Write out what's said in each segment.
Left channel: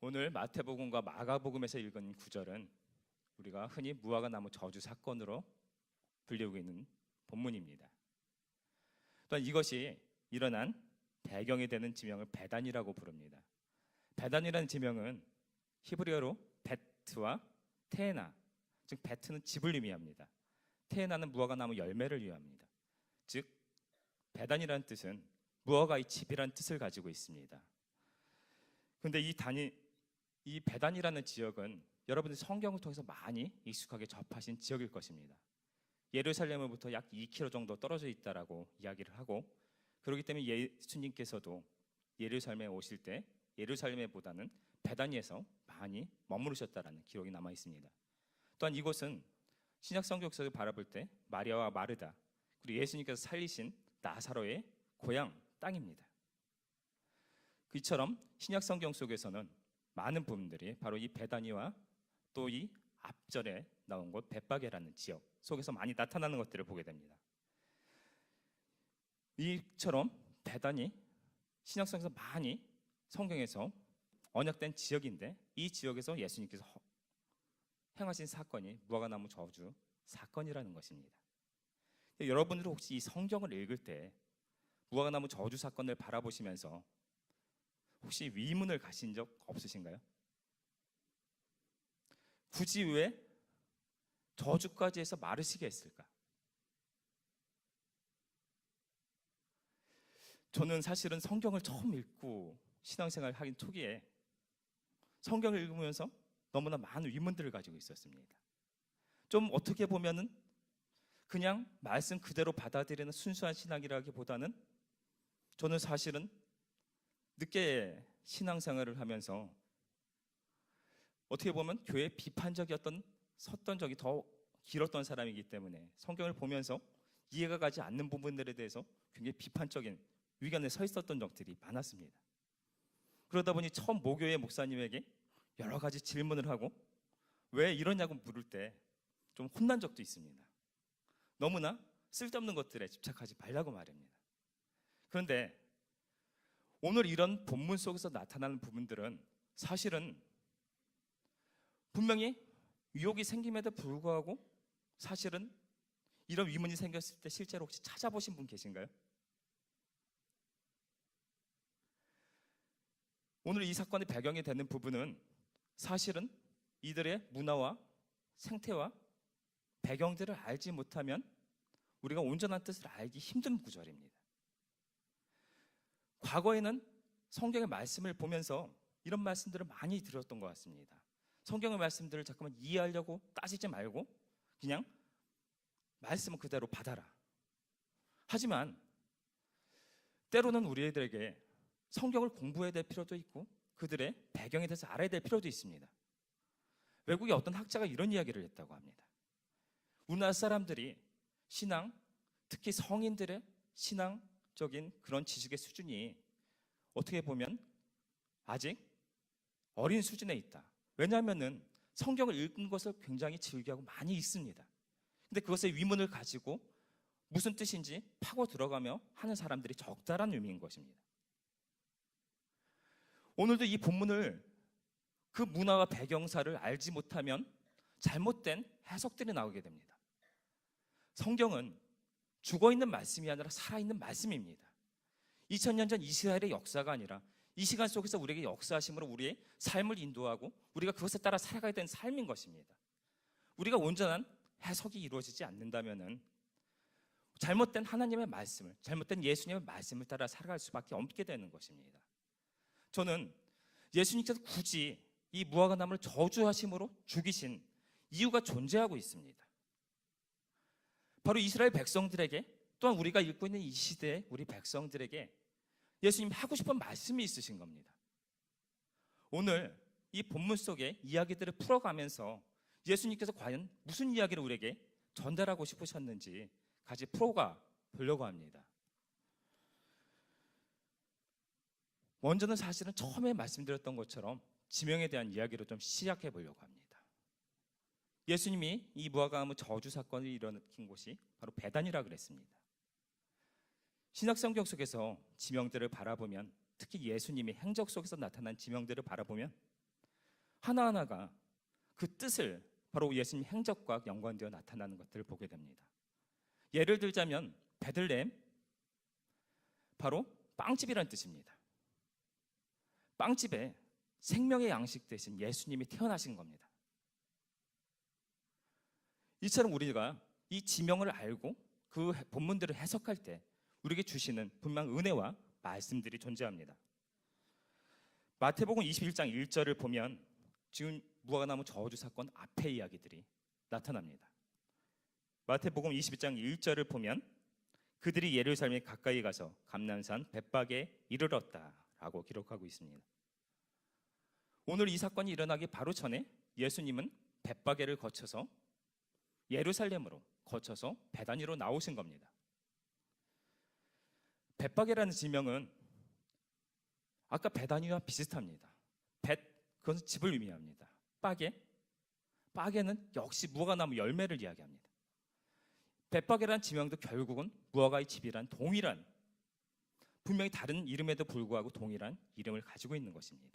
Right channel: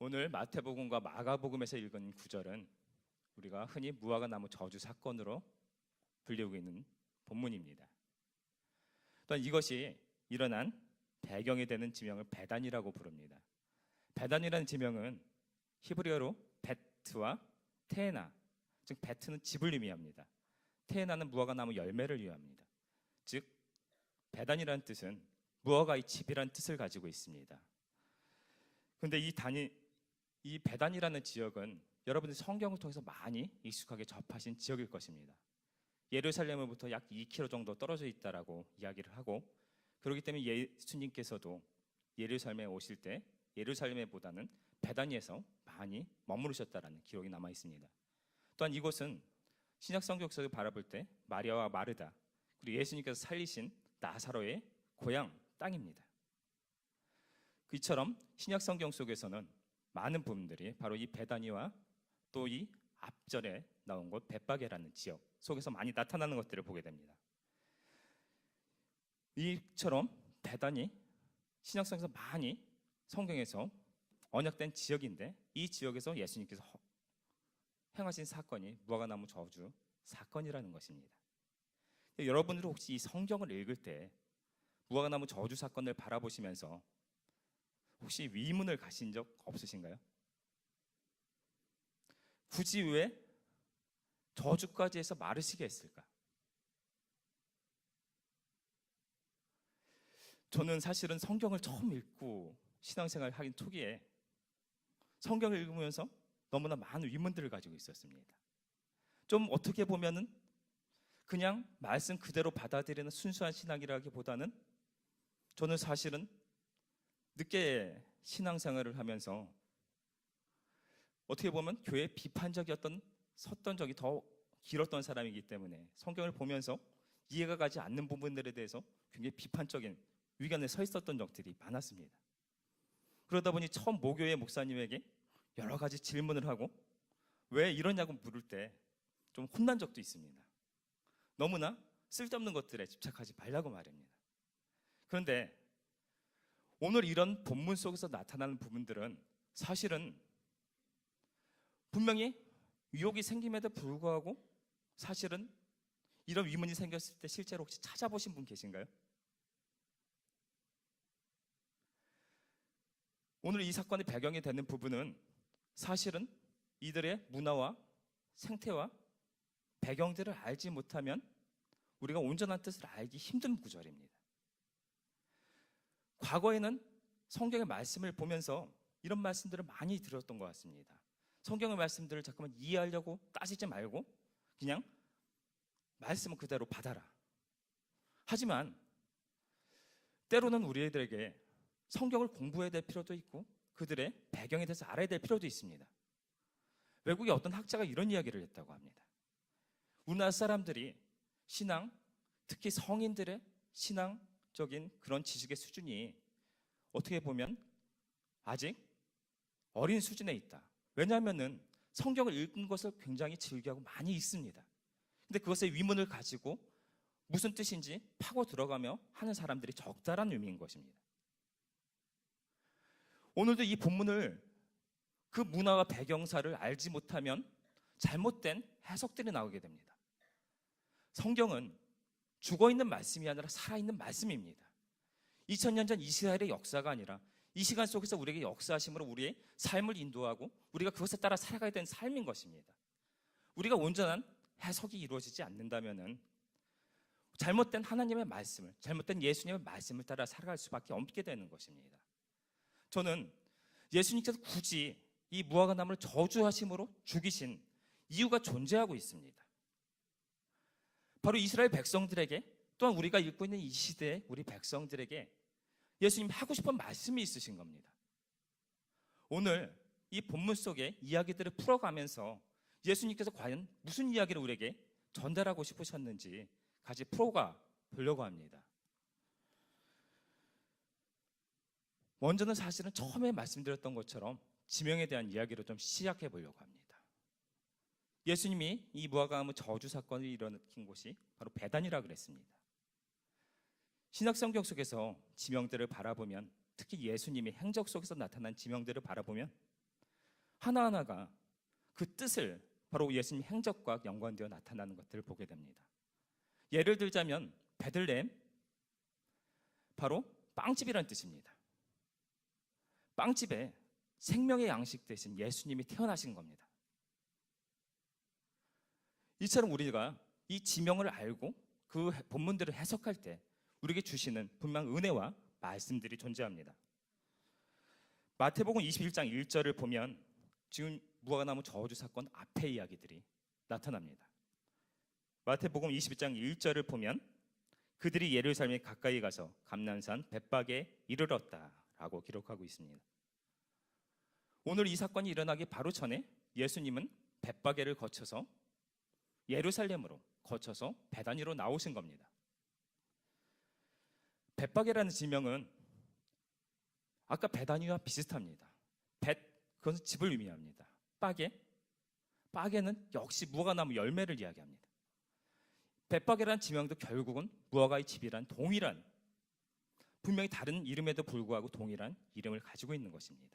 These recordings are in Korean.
오늘 마태복음과 마가복음에서 읽은 구절은 우리가 흔히 무화과 나무 저주 사건으로 불리고 있는 본문입니다. 또한 이것이 일어난 배경이 되는 지명을 베단이라고 부릅니다. 베단이라는 지명은 히브리어로 베트와 테에나, 즉 베트는 집을 의미합니다. 테에나는 무화과 나무 열매를 의미합니다. 즉 베단이라는 뜻은 무화과의 집이라는 뜻을 가지고 있습니다. 그런데 이 베단이라는 지역은 여러분들 성경을 통해서 많이 익숙하게 접하신 지역일 것입니다. 예루살렘으로부터 약 2km 정도 떨어져 있다라고 이야기를 하고, 그렇기 때문에 예수님께서도 예루살렘에 오실 때 예루살렘보다는 베다니에서 많이 머무르셨다라는 기록이 남아 있습니다. 또한 이곳은 신약 성경에서 바라볼 때 마리아와 마르다 그리고 예수님께서 살리신 나사로의 고향 땅입니다. 이처럼 신약 성경 속에서는 많은 부분들이 바로 이 베다니와 또 이 앞절에 나온 곳 벳바게라는 지역 속에서 많이 나타나는 것들을 보게 됩니다. 이처럼 베다니 신약성경에서 많이 성경에서 언약된 지역인데, 이 지역에서 예수님께서 행하신 사건이 무화과나무 저주 사건이라는 것입니다. 여러분들 혹시 이 성경을 읽을 때 무화과나무 저주 사건을 바라보시면서 혹시 의문을 가신 적 없으신가요? 굳이 왜 저주까지 해서 마르시게 했을까? 저는 사실은 성경을 처음 읽고 신앙생활 하긴 초기에 성경을 읽으면서 너무나 많은 의문들을 가지고 있었습니다. 좀 어떻게 보면은 그냥 말씀 그대로 받아들이는 순수한 신앙이라기보다는 저는 사실은 늦게 신앙생활을 하면서 어떻게 보면 교회 비판적이었던 섰던 적이 더 길었던 사람이기 때문에 성경을 보면서 이해가 가지 않는 부분들에 대해서 굉장히 비판적인 위견에 서 있었던 적들이 많았습니다. 그러다 보니 처음 모교회 목사님에게 여러 가지 질문을 하고 왜 이러냐고 물을 때 좀 혼난 적도 있습니다. 너무나 쓸데없는 것들에 집착하지 말라고 말입니다. 그런데 오늘 이런 본문 속에서 나타나는 부분들은 사실은 분명히 유혹이 생김에도 불구하고 사실은 이런 의문이 생겼을 때 실제로 혹시 찾아보신 분 계신가요? 오늘 이 사건의 배경이 되는 부분은 사실은 이들의 문화와 생태와 배경들을 알지 못하면 우리가 온전한 뜻을 알기 힘든 구절입니다. 과거에는 성경의 말씀을 보면서 이런 말씀들을 많이 들었던 것 같습니다. 성경의 말씀들을 잠깐만 이해하려고 따지지 말고 그냥 말씀은 그대로 받아라. 하지만 때로는 우리들에게 성경을 공부해야 될 필요도 있고 그들의 배경에 대해서 알아야 될 필요도 있습니다. 외국의 어떤 학자가 이런 이야기를 했다고 합니다. 우리나라 사람들이 신앙, 특히 성인들의 신앙적인 그런 지식의 수준이 어떻게 보면 아직 어린 수준에 있다. 왜냐하면은 성경을 읽은 것을 굉장히 즐겨하고 많이 읽습니다. 근데 그것의 위문을 가지고 무슨 뜻인지 파고 들어가며 하는 사람들이 적다란 의미인 것입니다. 오늘도 이 본문을 그 문화와 배경사를 알지 못하면 잘못된 해석들이 나오게 됩니다. 성경은 죽어있는 말씀이 아니라 살아있는 말씀입니다. 2000년 전 이스라엘의 역사가 아니라 이 시간 속에서 우리에게 역사하심으로 우리의 삶을 인도하고 우리가 그것에 따라 살아가야 되는 삶인 것입니다. 우리가 온전한 해석이 이루어지지 않는다면 잘못된 하나님의 말씀을, 잘못된 예수님의 말씀을 따라 살아갈 수밖에 없게 되는 것입니다. 저는 예수님께서 굳이 이 무화과나무를 저주하심으로 죽이신 이유가 존재하고 있습니다. 바로 이스라엘 백성들에게, 또한 우리가 읽고 있는 이 시대의 우리 백성들에게 예수님이 하고 싶은 말씀이 있으신 겁니다. 오늘 이 본문 속의 이야기들을 풀어가면서 예수님께서 과연 무슨 이야기를 우리에게 전달하고 싶으셨는지 같이 풀어가 보려고 합니다. 먼저는 사실은 처음에 말씀드렸던 것처럼 지명에 대한 이야기로 좀 시작해 보려고 합니다. 예수님이 이 무화과나무 저주 사건을 일으킨 곳이 바로 베단이라 그랬습니다. 신약성경 속에서 지명들을 바라보면, 특히 예수님이 행적 속에서 나타난 지명들을 바라보면 하나하나가 그 뜻을 바로 예수님 행적과 연관되어 나타나는 것들을 보게 됩니다. 예를 들자면 베들레헴, 바로 빵집이라는 뜻입니다. 빵집에 생명의 양식 대신 예수님이 태어나신 겁니다. 이처럼 우리가 이 지명을 알고 그 본문들을 해석할 때 우리에게 주시는 분명 은혜와 말씀들이 존재합니다. 마태복음 21장 1절을 보면 지금 무화과나무 저주 사건 앞의 이야기들이 나타납니다. 마태복음 22장 1절을 보면 그들이 예루살렘에 가까이 가서 감난산 벳박에 이르렀다라고 기록하고 있습니다. 오늘 이 사건이 일어나기 바로 전에 예수님은 벳박에를 거쳐서 예루살렘으로 거쳐서 베다니로 나오신 겁니다. 벳박에라는 지명은 아까 베다니와 비슷합니다. 그것은 집을 의미합니다. 빠게는 역시 무화과나무 열매를 이야기합니다. 벳박에라는 지명도 결국은 무화과의 집이란 동일한, 분명히 다른 이름에도 불구하고 동일한 이름을 가지고 있는 것입니다.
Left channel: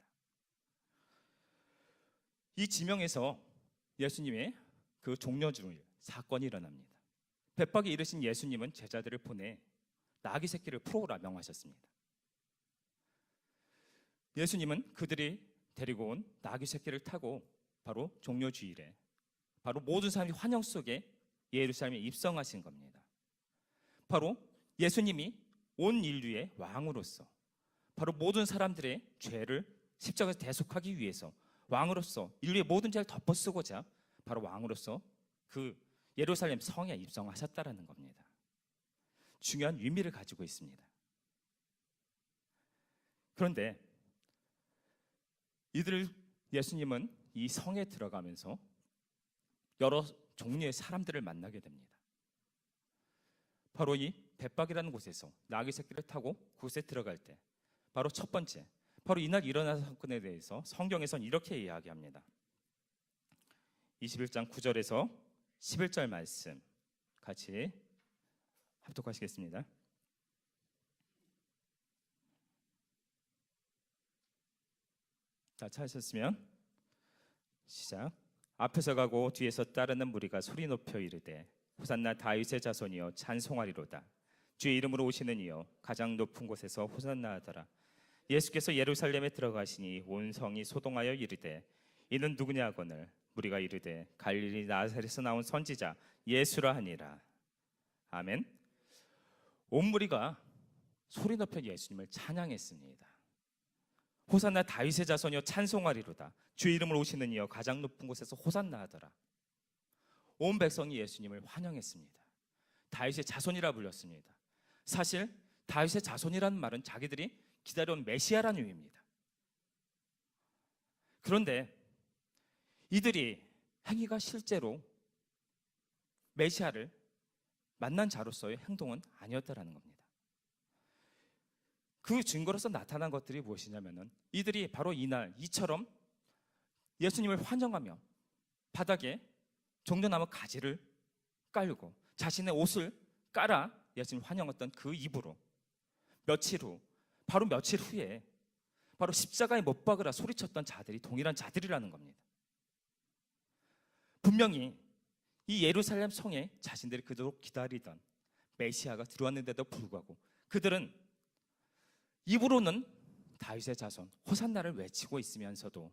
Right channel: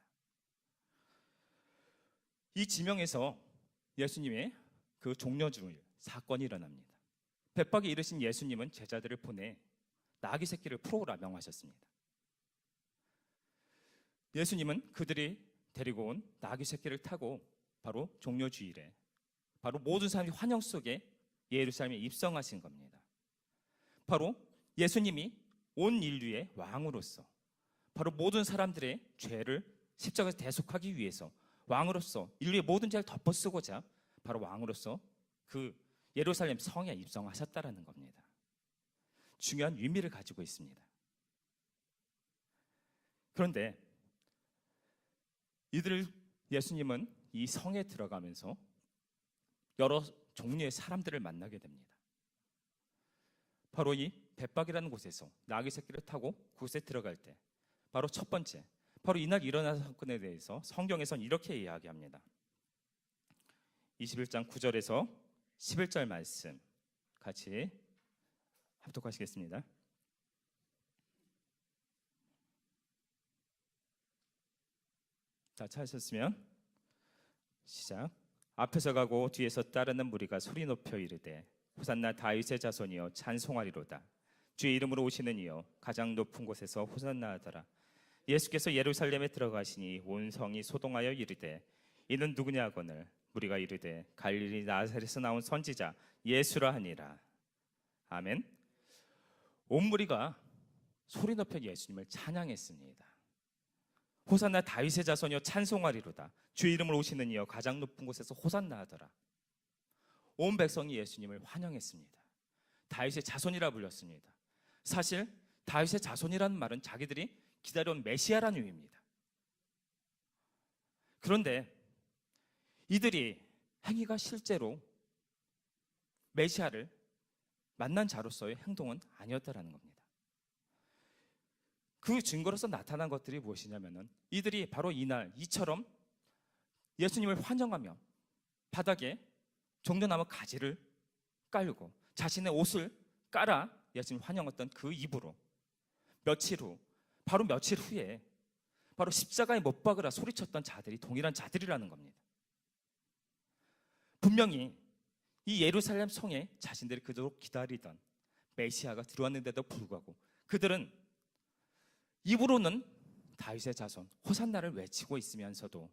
이 지명에서 예수님의 그 종려주일 사건이 일어납니다. 벳박에 이르신 예수님은 제자들을 보내 나귀 새끼를 풀어오라 명하셨습니다. 예수님은 그들이 데리고 온 나귀 새끼를 타고 바로 종려주일에 바로 모든 사람이 환영 속에 예루살렘에 입성하신 겁니다. 바로 예수님이 온 인류의 왕으로서 바로 모든 사람들의 죄를 십자가에서 대속하기 위해서 왕으로서 인류의 모든 죄를 덮어쓰고자 바로 왕으로서 그 예루살렘 성에 입성하셨다라는 겁니다. 중요한 의미를 가지고 있습니다. 그런데 예수님은 이 성에 들어가면서 여러 종류의 사람들을 만나게 됩니다. 바로 이 벳박이라는 곳에서 나귀 새끼를 타고 그곳에 들어갈 때 바로 첫 번째, 바로 이날 일어난 사건에 대해서 성경에서는 이렇게 이야기합니다. 21장 9절에서 11절 말씀 같이 합독하시겠습니다. 자, 찾으셨으면 시작. 앞에서 가고 뒤에서 따르는 무리가 소리 높여 이르되 호산나 다윗의 자손이여 찬송하리로다. 주의 이름으로 오시는 이여 가장 높은 곳에서 호산나 하더라. 예수께서 예루살렘에 들어가시니 온 성이 소동하여 이르되 이는 누구냐 하거늘 무리가 이르되 갈릴리 나사렛에서 나온 선지자 예수라 하니라. 아멘. 온 무리가 소리 높여 예수님을 찬양했습니다. 호산나 다윗의 자손이여 찬송하리로다. 주의 이름으로 오시는 이여 가장 높은 곳에서 호산나 하더라. 온 백성이 예수님을 환영했습니다. 다윗의 자손이라 불렸습니다. 사실 다윗의 자손이라는 말은 자기들이 기다려온 메시아라는 의미입니다. 그런데 이들이 행위가 실제로 메시아를 만난 자로서의 행동은 아니었다라는 겁니다. 그 증거로서 나타난 것들이 무엇이냐면은 이들이 바로 이처럼 예수님을 환영하며 바닥에 종려나무 가지를 깔고 자신의 옷을 깔아 예수님 환영했던 그 입으로 바로 며칠 후에 바로 십자가에 못 박으라 소리쳤던 자들이 동일한 자들이라는 겁니다. 분명히 이 예루살렘 성에 자신들이 그토록 기다리던 메시아가 들어왔는데도 불구하고 그들은 입으로는 다윗의 자손 호산나를 외치고 있으면서도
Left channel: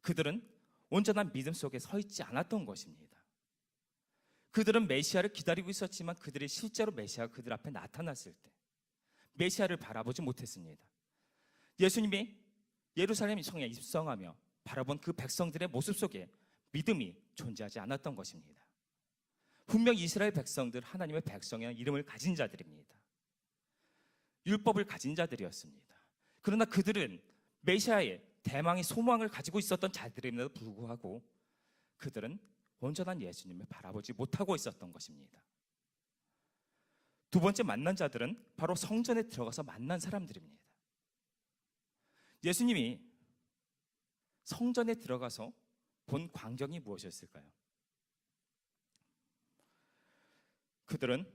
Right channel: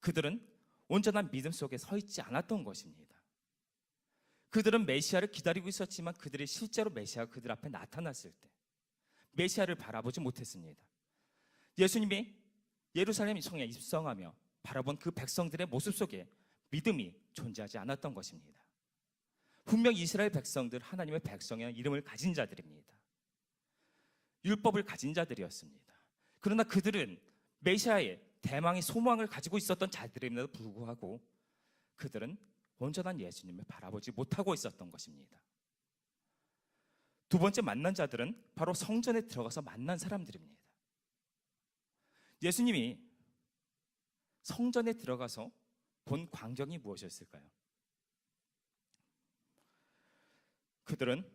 그들은 온전한 믿음 속에 서 있지 않았던 것입니다. 그들은 메시아를 기다리고 있었지만 그들이 실제로 메시아가 그들 앞에 나타났을 때 메시아를 바라보지 못했습니다. 예수님이 예루살렘 성에 입성하며 바라본 그 백성들의 모습 속에 믿음이 존재하지 않았던 것입니다. 분명 이스라엘 백성들 하나님의 백성이라는 이름을 가진 자들입니다. 율법을 가진 자들이었습니다. 그러나 그들은 메시아의 대망의 소망을 가지고 있었던 자들임에도 불구하고 그들은 온전한 예수님을 바라보지 못하고 있었던 것입니다. 두 번째 만난 자들은 바로 성전에 들어가서 만난 사람들입니다. 예수님이 성전에 들어가서 본 광경이 무엇이었을까요? 그들은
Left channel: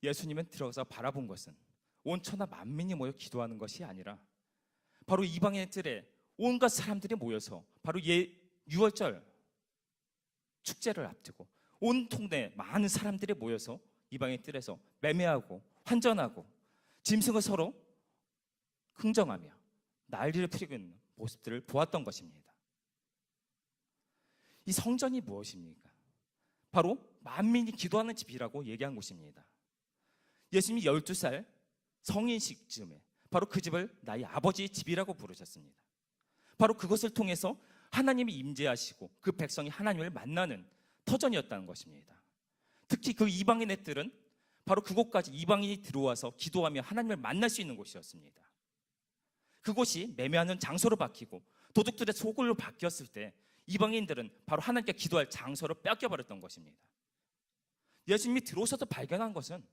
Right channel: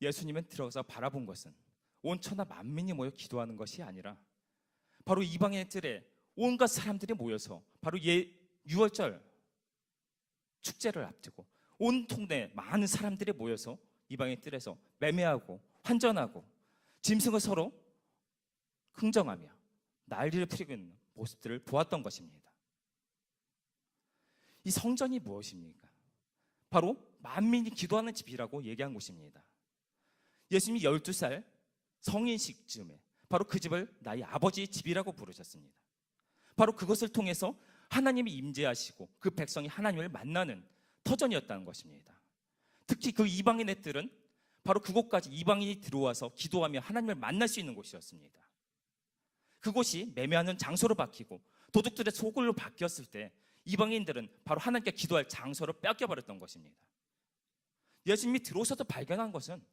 예수님은 들어가서 바라본 것은 온 천하 만민이 모여 기도하는 것이 아니라 바로 이방인들의 온갖 사람들이 모여서 바로 유월절 축제를 앞두고 온 동네 많은 사람들이 모여서 이방인 뜰에서 매매하고 환전하고 짐승을 서로 흥정하며 난리를 피우고 있는 모습들을 보았던 것입니다. 이 성전이 무엇입니까? 바로 만민이 기도하는 집이라고 얘기한 곳입니다. 예수님이 12살 성인식쯤에 바로 그 집을 나의 아버지의 집이라고 부르셨습니다. 바로 그것을 통해서 하나님이 임재하시고 그 백성이 하나님을 만나는 터전이었다는 것입니다. 특히 그 이방인의 뜰은 바로 그곳까지 이방인이 들어와서 기도하며 하나님을 만날 수 있는 곳이었습니다. 그곳이 매매하는 장소로 바뀌고 도둑들의 소굴로 바뀌었을 때 이방인들은 바로 하나님께 기도할 장소를 뺏겨버렸던 것입니다. 예수님이 들어오셔서 발견한 것은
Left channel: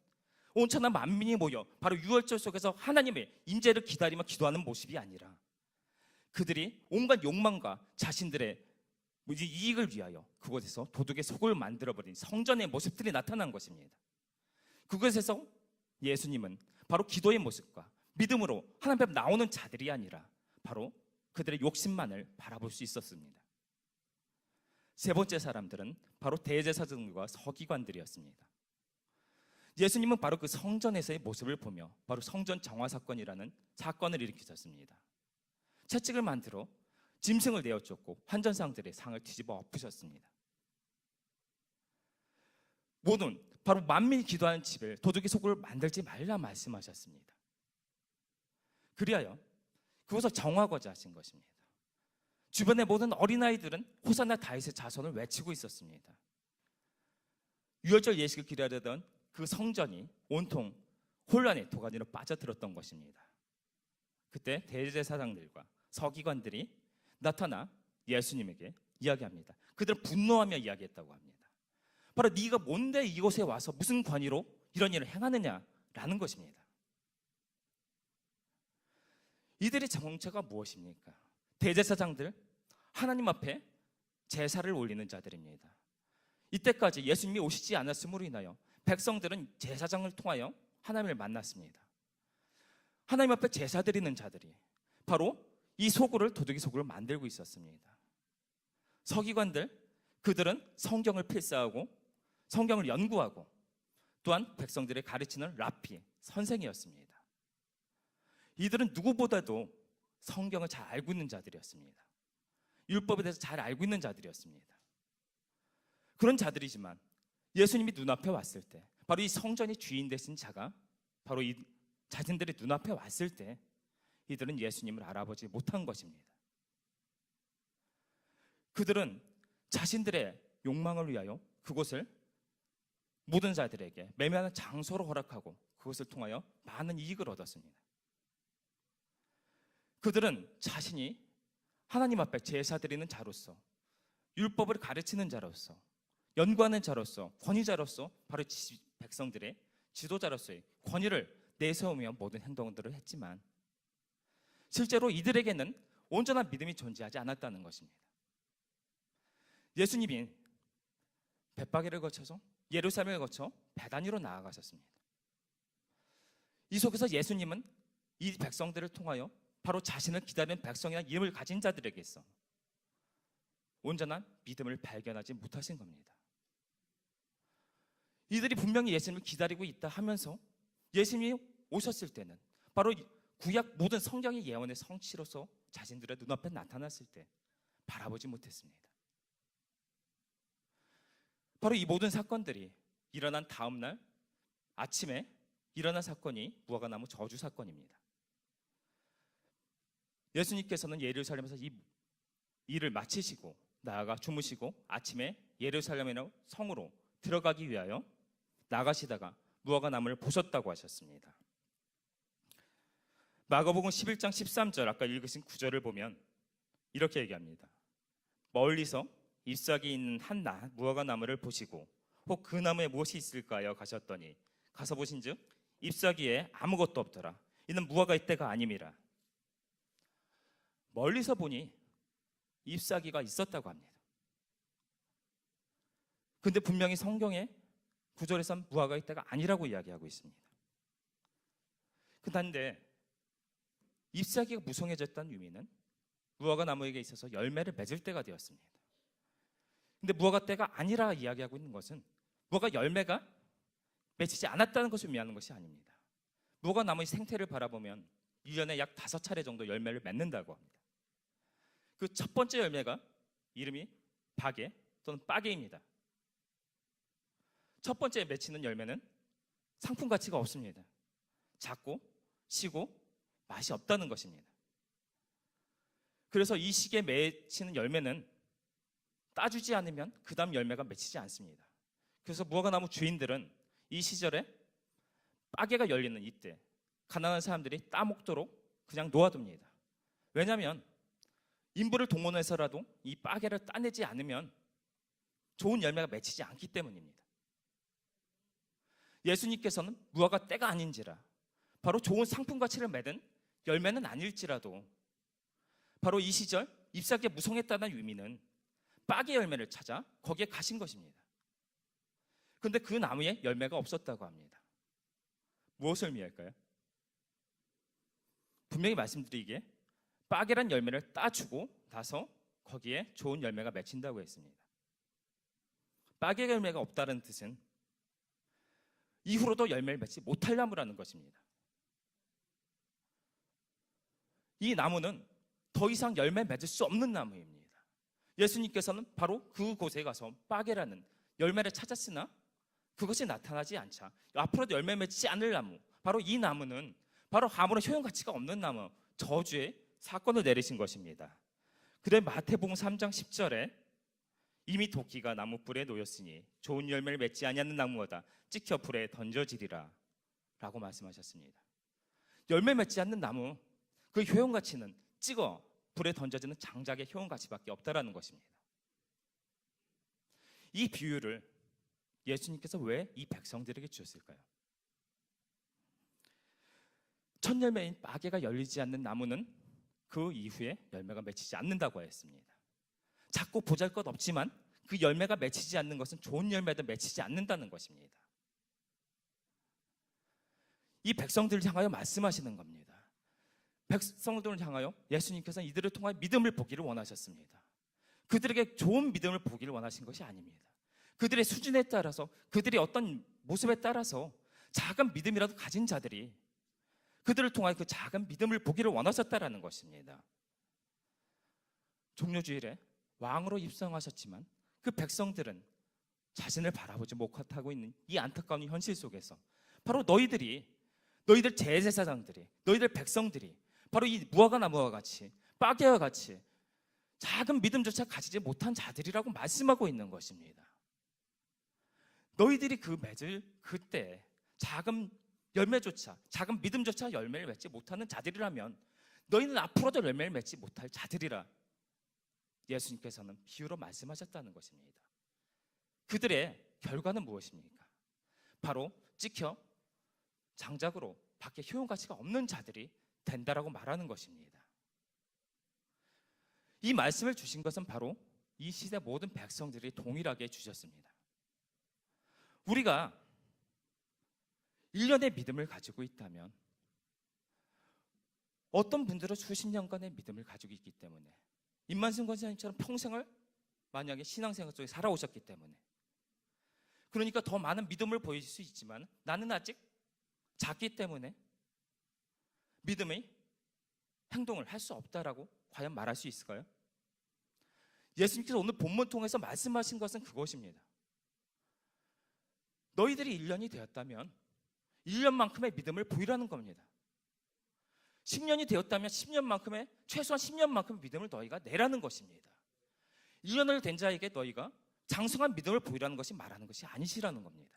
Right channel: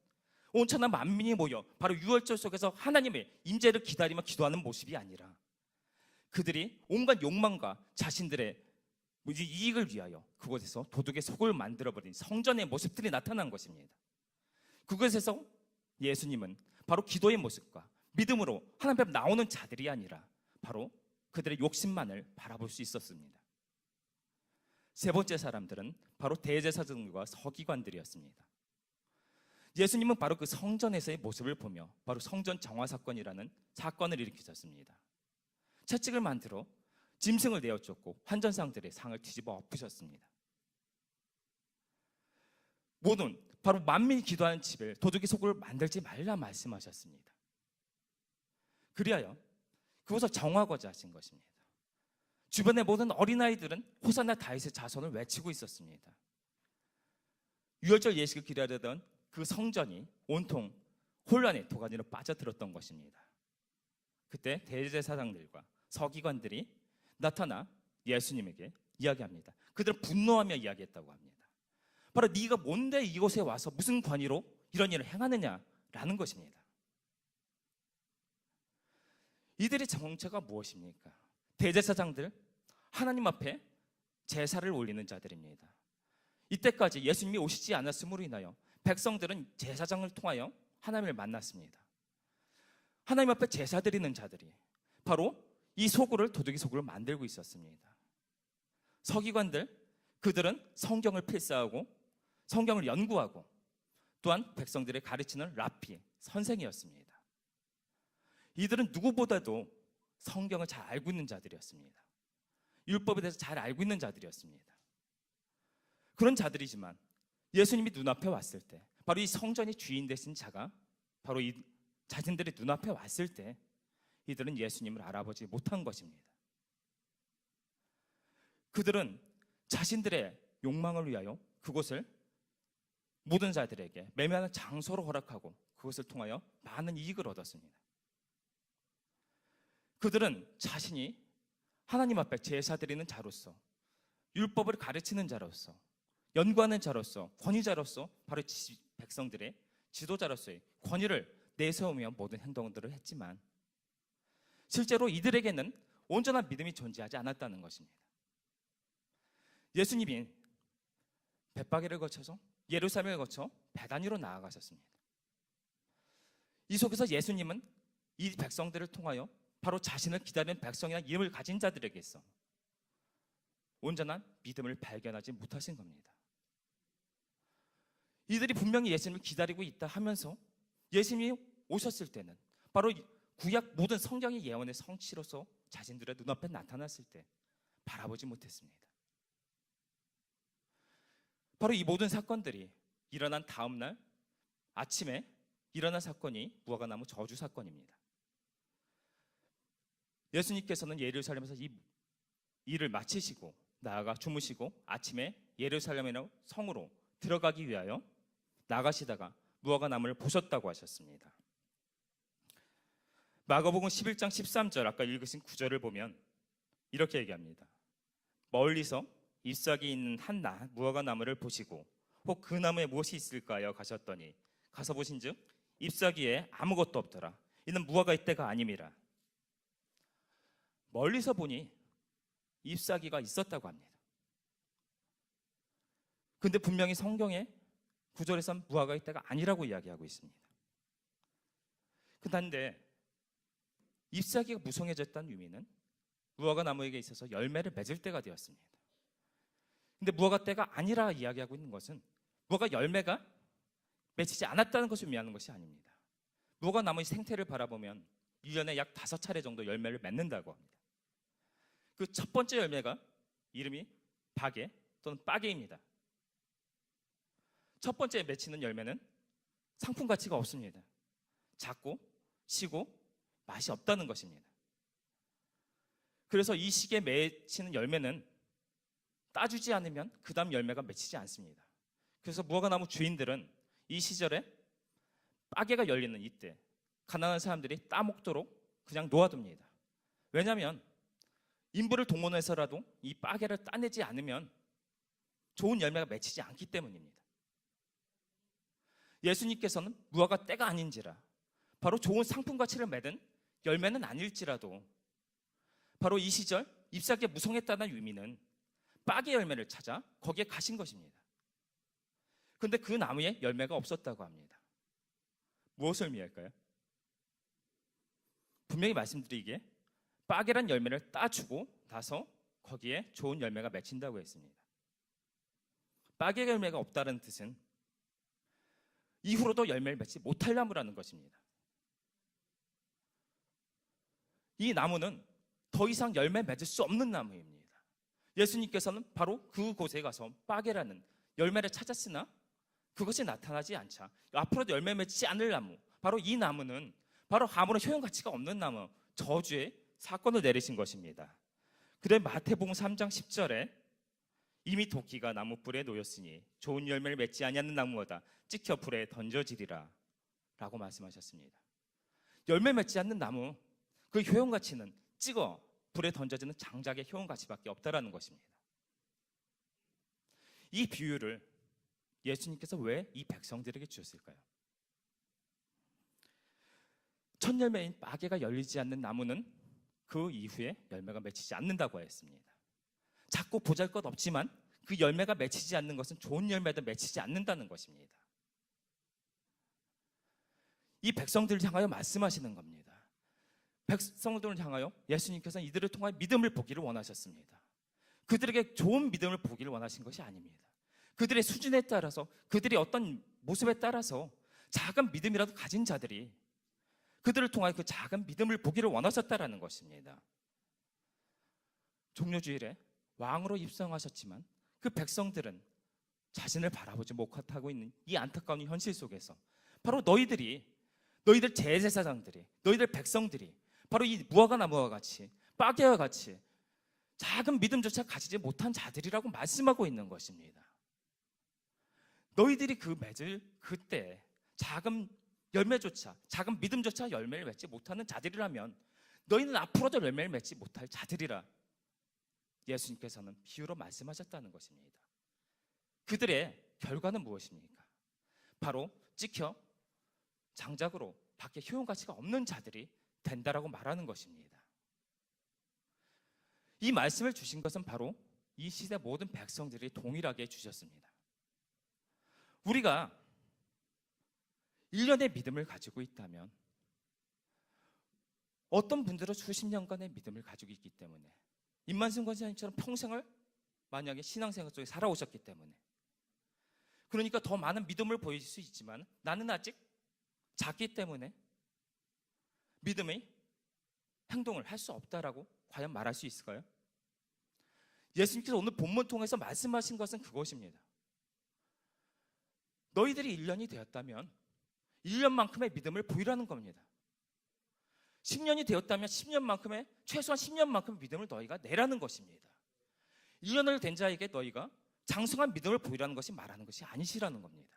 온천한 만민이 모여 바로 유월절 속에서 하나님의 임재를 기다리며 기도하는 모습이 아니라 그들이 온갖 욕망과 자신들의 이익을 위하여 그곳에서 도둑의 속을 만들어버린 성전의 모습들이 나타난 것입니다. 그곳에서 예수님은 바로 기도의 모습과 믿음으로 하나님 앞에 나오는 자들이 아니라 바로 그들의 욕심만을 바라볼 수 있었습니다. 세 번째 사람들은 바로 대제사장들과 서기관들이었습니다. 예수님은 바로 그 성전에서의 모습을 보며 바로 성전 정화 사건이라는 사건을 일으키셨습니다. 채찍을 만들어 짐승을 내어 쫓고 환전상들의 상을 뒤집어 엎으셨습니다. 모든 바로 만민이 기도하는 집을 도둑의 속을 만들지 말라 말씀하셨습니다. 그리하여 그곳을 정하고자 하신 것입니다. 주변의 모든 어린아이들은 호산나 다윗의 자손을 외치고 있었습니다. 유월절 예식을 기다리던 그 성전이 온통 혼란의 도가니로 빠져들었던 것입니다. 그때 대제사장들과 서기관들이 나타나 예수님에게 이야기합니다. 그들은 분노하며 이야기했다고 합니다. 바로 네가 뭔데 이곳에 와서 무슨 권위로 이런 일을 행하느냐라는 것입니다. 이들의 정체가 무엇입니까? 대제사장들, 하나님 앞에 제사를 올리는 자들입니다. 이때까지 예수님이 오시지 않았음으로 인하여 백성들은 제사장을 통하여 하나님을 만났습니다. 하나님 앞에 제사 드리는 자들이 바로 이 소굴을 도둑이 소굴로 만들고 있었습니다. 서기관들, 그들은 성경을 필사하고 성경을 연구하고 또한 백성들의 가르치는 랍비, 선생이었습니다. 이들은 누구보다도 성경을 잘 알고 있는 자들이었습니다. 율법에 대해서 잘 알고 있는 자들이었습니다. 그런 자들이지만 예수님이 눈앞에 왔을 때 바로 이 성전이 주인 되신 자가 바로 이 자신들의 눈앞에 왔을 때 이들은 예수님을 알아보지 못한 것입니다. 그들은 자신들의 욕망을 위하여 그곳을 모든 자들에게 매매하는 장소로 허락하고 그것을 통하여 많은 이익을 얻었습니다. 그들은 자신이 하나님 앞에 제사 드리는 자로서 율법을 가르치는 자로서 연구하는 자로서 권위자로서 바로 백성들의 지도자로서의 권위를 내세우며 모든 행동들을 했지만 실제로 이들에게는 온전한 믿음이 존재하지 않았다는 것입니다. 예수님이 벳바게를 거쳐서 예루살렘을 거쳐 베다니로 나아가셨습니다. 이 속에서 예수님은 이 백성들을 통하여 바로 자신을 기다리는 백성이나 이름을 가진 자들에게서 온전한 믿음을 발견하지 못하신 겁니다. 이들이 분명히 예수님을 기다리고 있다 하면서 예수님이 오셨을 때는 바로 구약 모든 성경의 예언의 성취로서 자신들의 눈앞에 나타났을 때 바라보지 못했습니다. 바로 이 모든 사건들이 일어난 다음 날 아침에 일어난 사건이 무화과나무 저주 사건입니다. 예수님께서는 예루살렘에서 이 일을 마치시고 나아가 주무시고 아침에 예루살렘이라는 성으로 들어가기 위하여 나가시다가 무화과나무를 보셨다고 하셨습니다. 마가복음 11장 13절 아까 읽으신 9절을 보면 이렇게 얘기합니다. 멀리서 잎사귀 있는 한 무화과나무를 보시고 혹 그 나무에 무엇이 있을까요? 가셨더니 가서 보신즉 잎사귀에 아무것도 없더라. 이는 무화과의 때가 아님이라. 멀리서 보니 잎사귀가 있었다고 합니다. 그런데 분명히 성경의 구절에선 무화과의 때가 아니라고 이야기하고 있습니다. 그런데 잎사귀가 무성해졌다는 의미는 무화과 나무에게 있어서 열매를 맺을 때가 되었습니다. 근데 무화과 때가 아니라 이야기하고 있는 것은 무화과 열매가 맺히지 않았다는 것을 의미하는 것이 아닙니다. 무화과 나무의 생태를 바라보면 1년에 약 5차례 정도 열매를 맺는다고 합니다. 그 첫 번째 열매가 이름이 박애 또는 빠개입니다. 첫 번째 맺히는 열매는 상품 가치가 없습니다. 작고 시고 맛이 없다는 것입니다. 그래서 이 시기에 맺히는 열매는 따주지 않으면 그 다음 열매가 맺히지 않습니다. 그래서 무화과 나무 주인들은 이 시절에 빠개가 열리는 이때 가난한 사람들이 따먹도록 그냥 놓아둡니다. 왜냐하면 인부를 동원해서라도 이 빠개를 따내지 않으면 좋은 열매가 맺히지 않기 때문입니다. 예수님께서는 무화과 때가 아닌지라 바로 좋은 상품 가치를 맺은 열매는 아닐지라도 바로 이 시절 잎사귀에 무성했다는 의미는 빠개 열매를 찾아 거기에 가신 것입니다. 그런데 그 나무에 열매가 없었다고 합니다. 무엇을 의미할까요? 분명히 말씀드리기에 빠개란 열매를 따주고 나서 거기에 좋은 열매가 맺힌다고 했습니다. 빠개 열매가 없다는 뜻은 이후로도 열매를 맺지 못할 나무라는 것입니다. 이 나무는 더 이상 열매 맺을 수 없는 나무입니다. 예수님께서는 바로 그곳에 가서 빠개라는 열매를 찾았으나 그것이 나타나지 않자 앞으로도 열매 맺지 않을 나무, 바로 이 나무는 바로 아무런 효용 가치가 없는 나무, 저주의 사건을 내리신 것입니다. 그래 마태복음 3장 10절에 이미 도끼가 나무 뿔에 놓였으니 좋은 열매를 맺지 아니하는 나무마다 찍혀 불에 던져지리라 라고 말씀하셨습니다. 열매 맺지 않는 나무, 그 효용 가치는 찍어 불에 던져지는 장작의 효용 가치밖에 없다라는 것입니다. 이 비유를 예수님께서 왜 이 백성들에게 주셨을까요? 첫 열매인 빠개가 열리지 않는 나무는 그 이후에 열매가 맺히지 않는다고 했습니다. 작고 보잘것없지만 그 열매가 맺히지 않는 것은 좋은 열매도 맺히지 않는다는 것입니다. 이 백성들을 향하여 말씀하시는 겁니다. 백성들을 향하여 예수님께서는 이들을 통하여 믿음을 보기를 원하셨습니다. 그들에게 좋은 믿음을 보기를 원하신 것이 아닙니다. 그들의 수준에 따라서, 그들의 어떤 모습에 따라서 작은 믿음이라도 가진 자들이 그들을 통하여 그 작은 믿음을 보기를 원하셨다라는 것입니다. 종료주일에 왕으로 입성하셨지만 그 백성들은 자신을 바라보지 못하고 있는 이 안타까운 현실 속에서 바로 너희들 제사장들이, 너희들 백성들이 바로 이 무화과 나무와 같이, 빠개와 같이 작은 믿음조차 가지지 못한 자들이라고 말씀하고 있는 것입니다. 너희들이 그 맺을 그때 작은 열매조차, 작은 믿음조차 열매를 맺지 못하는 자들이라면 너희는 앞으로도 열매를 맺지 못할 자들이라 예수님께서는 비유로 말씀하셨다는 것입니다. 그들의 결과는 무엇입니까? 바로 찍혀 장작으로 밖에 효용 가치가 없는 자들이 된다라고 말하는 것입니다. 이 말씀을 주신 것은 바로 이 시대 모든 백성들이 동일하게 주셨습니다. 우리가 1년의 믿음을 가지고 있다면 어떤 분들은 수십 년간의 믿음을 가지고 있기 때문에 임만승 권사님처럼 평생을 만약에 신앙생활 속에 살아오셨기 때문에 그러니까 더 많은 믿음을 보일 수 있지만 나는 아직 작기 때문에 믿음의 행동을 할 수 없다라고 과연 말할 수 있을까요? 예수님께서 오늘 본문 통해서 말씀하신 것은 그것입니다. 너희들이 1년이 되었다면 1년만큼의 믿음을 보이라는 겁니다. 10년이 되었다면 10년만큼의, 최소한 10년만큼의 믿음을 너희가 내라는 것입니다. 1년을 된 자에게 너희가 장성한 믿음을 보이라는 것이 말하는 것이 아니시라는 겁니다.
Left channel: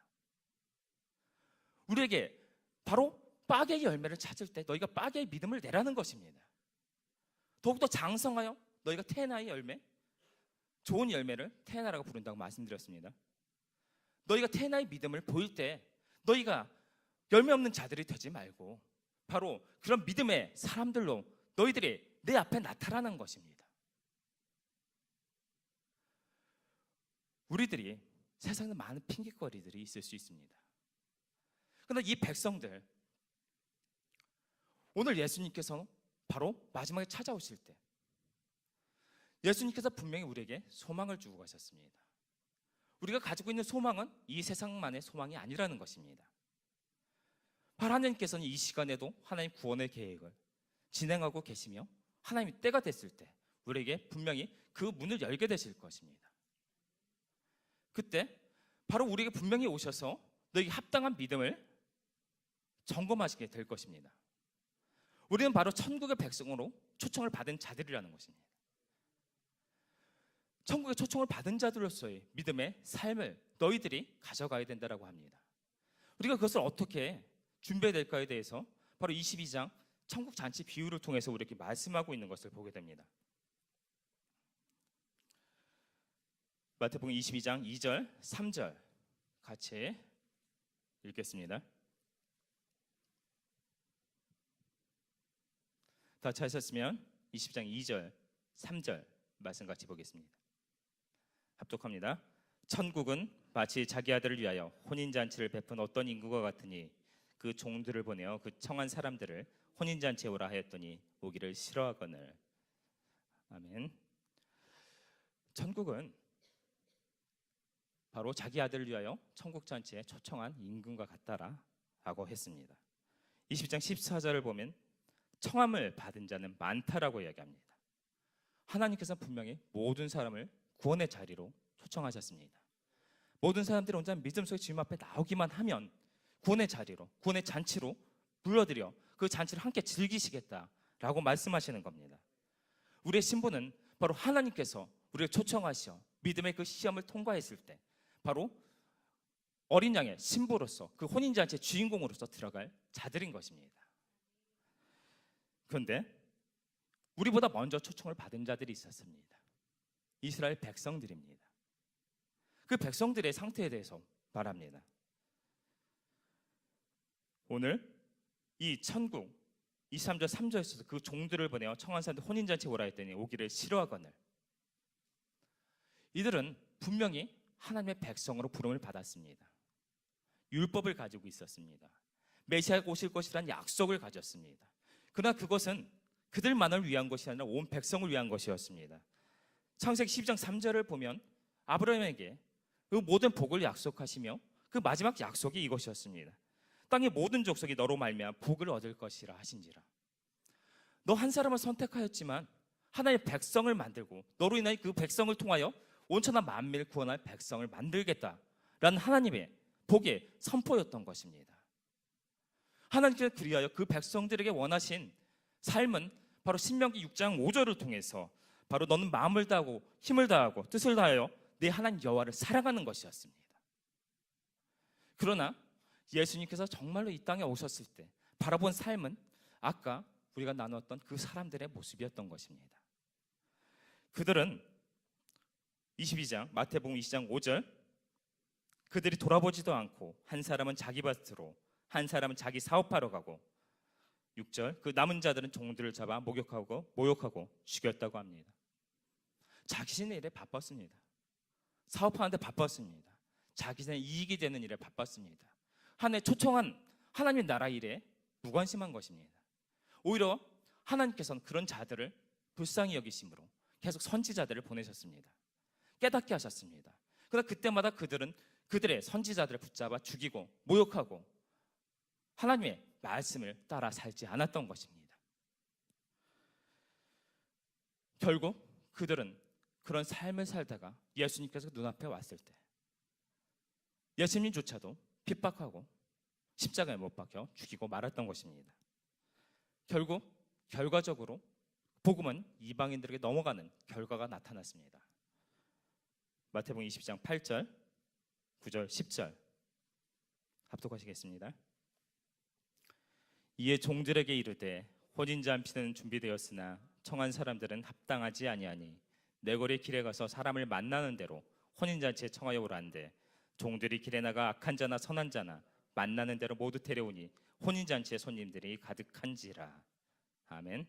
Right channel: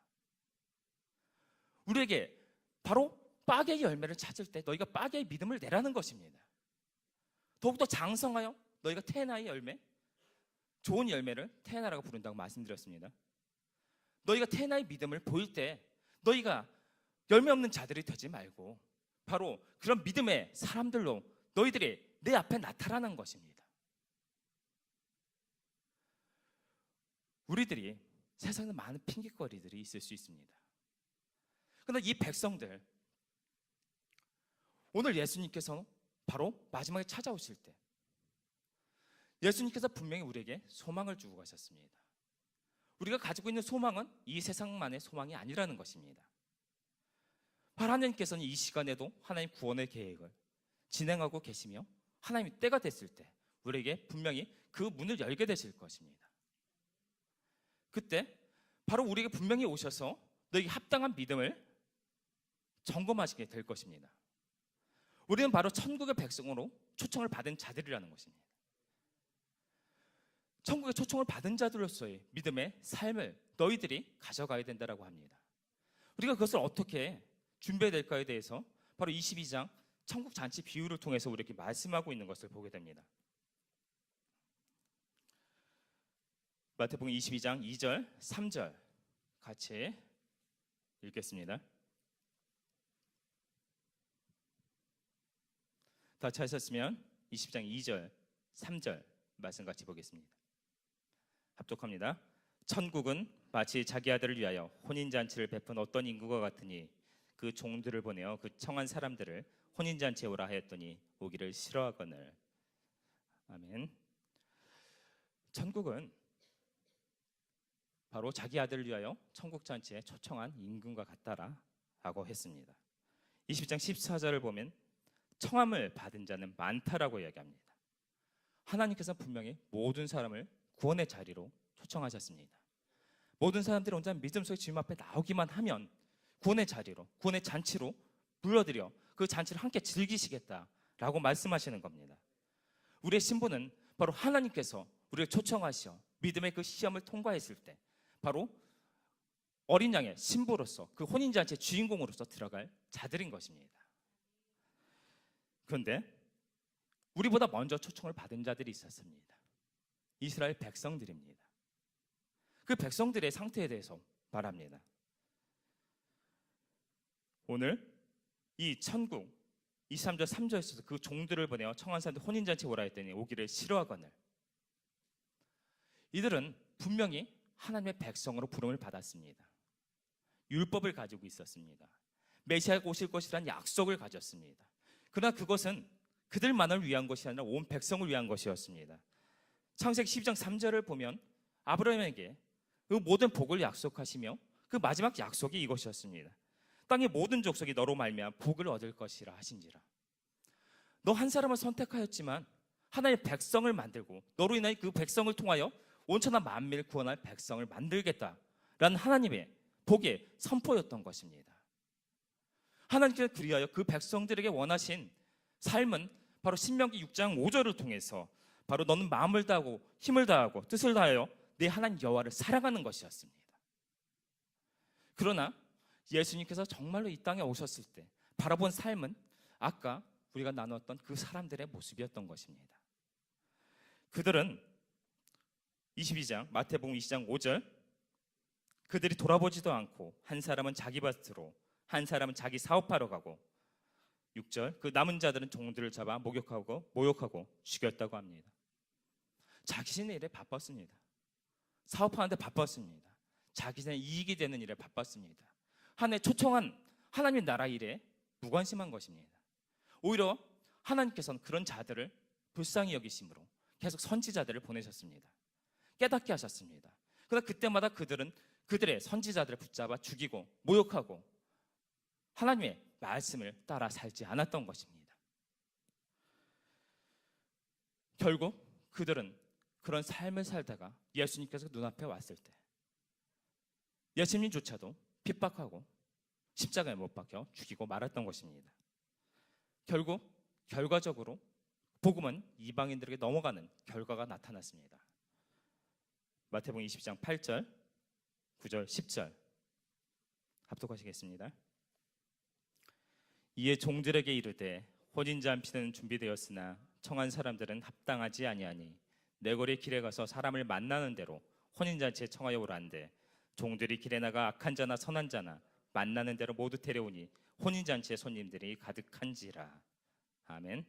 우리에게 바로 빠개의 열매를 찾을 때 너희가 빠개의 믿음을 내라는 것입니다. 더욱더 장성하여 너희가 테나의 열매, 좋은 열매를 테나라고 부른다고 말씀드렸습니다. 너희가 테나의 믿음을 보일 때 너희가 열매 없는 자들이 되지 말고 바로 그런 믿음의 사람들로 너희들이 내 앞에 나타나는 것입니다. 우리들이 세상에 많은 핑계거리들이 있을 수 있습니다. 그런데 이 백성들, 오늘 예수님께서 바로 마지막에 찾아오실 때 예수님께서 분명히 우리에게 소망을 주고 가셨습니다. 우리가 가지고 있는 소망은 이 세상만의 소망이 아니라는 것입니다. 하나님께서는 이 시간에도 하나님 구원의 계획을 진행하고 계시며 하나님이 때가 됐을 때 우리에게 분명히 그 문을 열게 되실 것입니다. 그때 바로 우리에게 분명히 오셔서 너에게 합당한 믿음을 점검하시게 될 것입니다. 우리는 바로 천국의 백성으로 초청을 받은 자들이라는 것입니다. 천국의 초청을 받은 자들로서의 믿음의 삶을 너희들이 가져가야 된다고 합니다. 우리가 그것을 어떻게 준비해야 될까에 대해서 바로 22장 천국 잔치 비유를 통해서 우리에게 말씀하고 있는 것을 보게 됩니다. 마태복음 22장 2절, 3절 같이 읽겠습니다. 다 찾으셨으면 20장 2절, 3절 말씀 같이 보겠습니다. 합독합니다. 천국은 마치 자기 아들을 위하여 혼인잔치를 베푼 어떤 인구와 같으니 그 종들을 보내어 그 청한 사람들을 혼인잔치에 오라 하였더니 오기를 싫어하거늘. 아멘. 천국은 바로 자기 아들을 위하여 천국잔치에 초청한 임금과 같다라고 했습니다. 20장 14절을 보면 청함을 받은 자는 많다라고 이야기합니다. 하나님께서 분명히 모든 사람을 구원의 자리로 초청하셨습니다. 모든 사람들이 온전한 믿음 속에 주님 앞에 나오기만 하면 구원의 자리로, 구원의 잔치로 불러들여 그 잔치를 함께 즐기시겠다라고 말씀하시는 겁니다. 우리의 신분은 바로 하나님께서 우리를 초청하시어 믿음의 그 시험을 통과했을 때 바로 어린 양의 신부로서 그 혼인잔치의 주인공으로서 들어갈 자들인 것입니다. 그런데 우리보다 먼저 초청을 받은 자들이 있었습니다. 이스라엘 백성들입니다. 그 백성들의 상태에 대해서 말합니다. 오늘 이 천국 23절 3절에서 그 종들을 보내어 청한 사람들 혼인잔치 오라 했더니 오기를 싫어하거늘. 이들은 분명히 하나님의 백성으로 부름을 받았습니다. 율법을 가지고 있었습니다. 메시아가 오실 것이라는 약속을 가졌습니다. 그러나 그것은 그들만을 위한 것이 아니라 온 백성을 위한 것이었습니다. 창세기 12장 3절을 보면 아브라함에게 그 모든 복을 약속하시며 그 마지막 약속이 이것이었습니다. 땅의 모든 족속이 너로 말미암아 복을 얻을 것이라 하신지라. 너 한 사람을 선택하였지만 하나님의 백성을 만들고 너로 인하여 그 백성을 통하여 온천한 만민을 구원할 백성을 만들겠다라는 하나님의 복의 선포였던 것입니다. 하나님께서 그리하여 그 백성들에게 원하신 삶은 바로 신명기 6장 5절을 통해서 바로 너는 마음을 다하고 힘을 다하고 뜻을 다하여 내 하나님 여호와를 사랑하는 것이었습니다. 그러나 예수님께서 정말로 이 땅에 오셨을 때 바라본 삶은 아까 우리가 나누었던 그 사람들의 모습이었던 것입니다. 그들은 22장 마태복음 20장 5절 그들이 돌아보지도 않고 한 사람은 자기 밭으로 한 사람은 자기 사업하러 가고 6절 그 남은 자들은 종들을 잡아 모욕하고 죽였다고 합니다. 자기신의 일에 바빴습니다. 사업하는데 바빴습니다. 자기신의 이익이 되는 일에 바빴습니다. 하나님의 초청한 하나님의 나라 일에 무관심한 것입니다. 오히려 하나님께서는 그런 자들을 불쌍히 여기심으로 계속 선지자들을 보내셨습니다. 깨닫게 하셨습니다. 그러나 그때마다 그들은 그들의 선지자들을 붙잡아 죽이고 모욕하고 하나님의 말씀을 따라 살지 않았던 것입니다. 결국 그들은 그런 삶을 살다가 예수님께서 눈앞에 왔을 때 예수님조차도 핍박하고 십자가에 못 박혀 죽이고 말았던 것입니다. 결국 결과적으로 복음은 이방인들에게 넘어가는 결과가 나타났습니다. 마태복음 20장 8절, 9절, 10절 합독하시겠습니다. 이에 종들에게 이르되 혼인잔치는 준비되었으나 청한 사람들은 합당하지 아니하니 내거리 길에 가서 사람을 만나는 대로 혼인잔치에 청하여 오라는데 종들이 길에 나가 악한 자나 선한 자나 만나는 대로 모두 데려오니 혼인잔치에 손님들이 가득한지라. 아멘.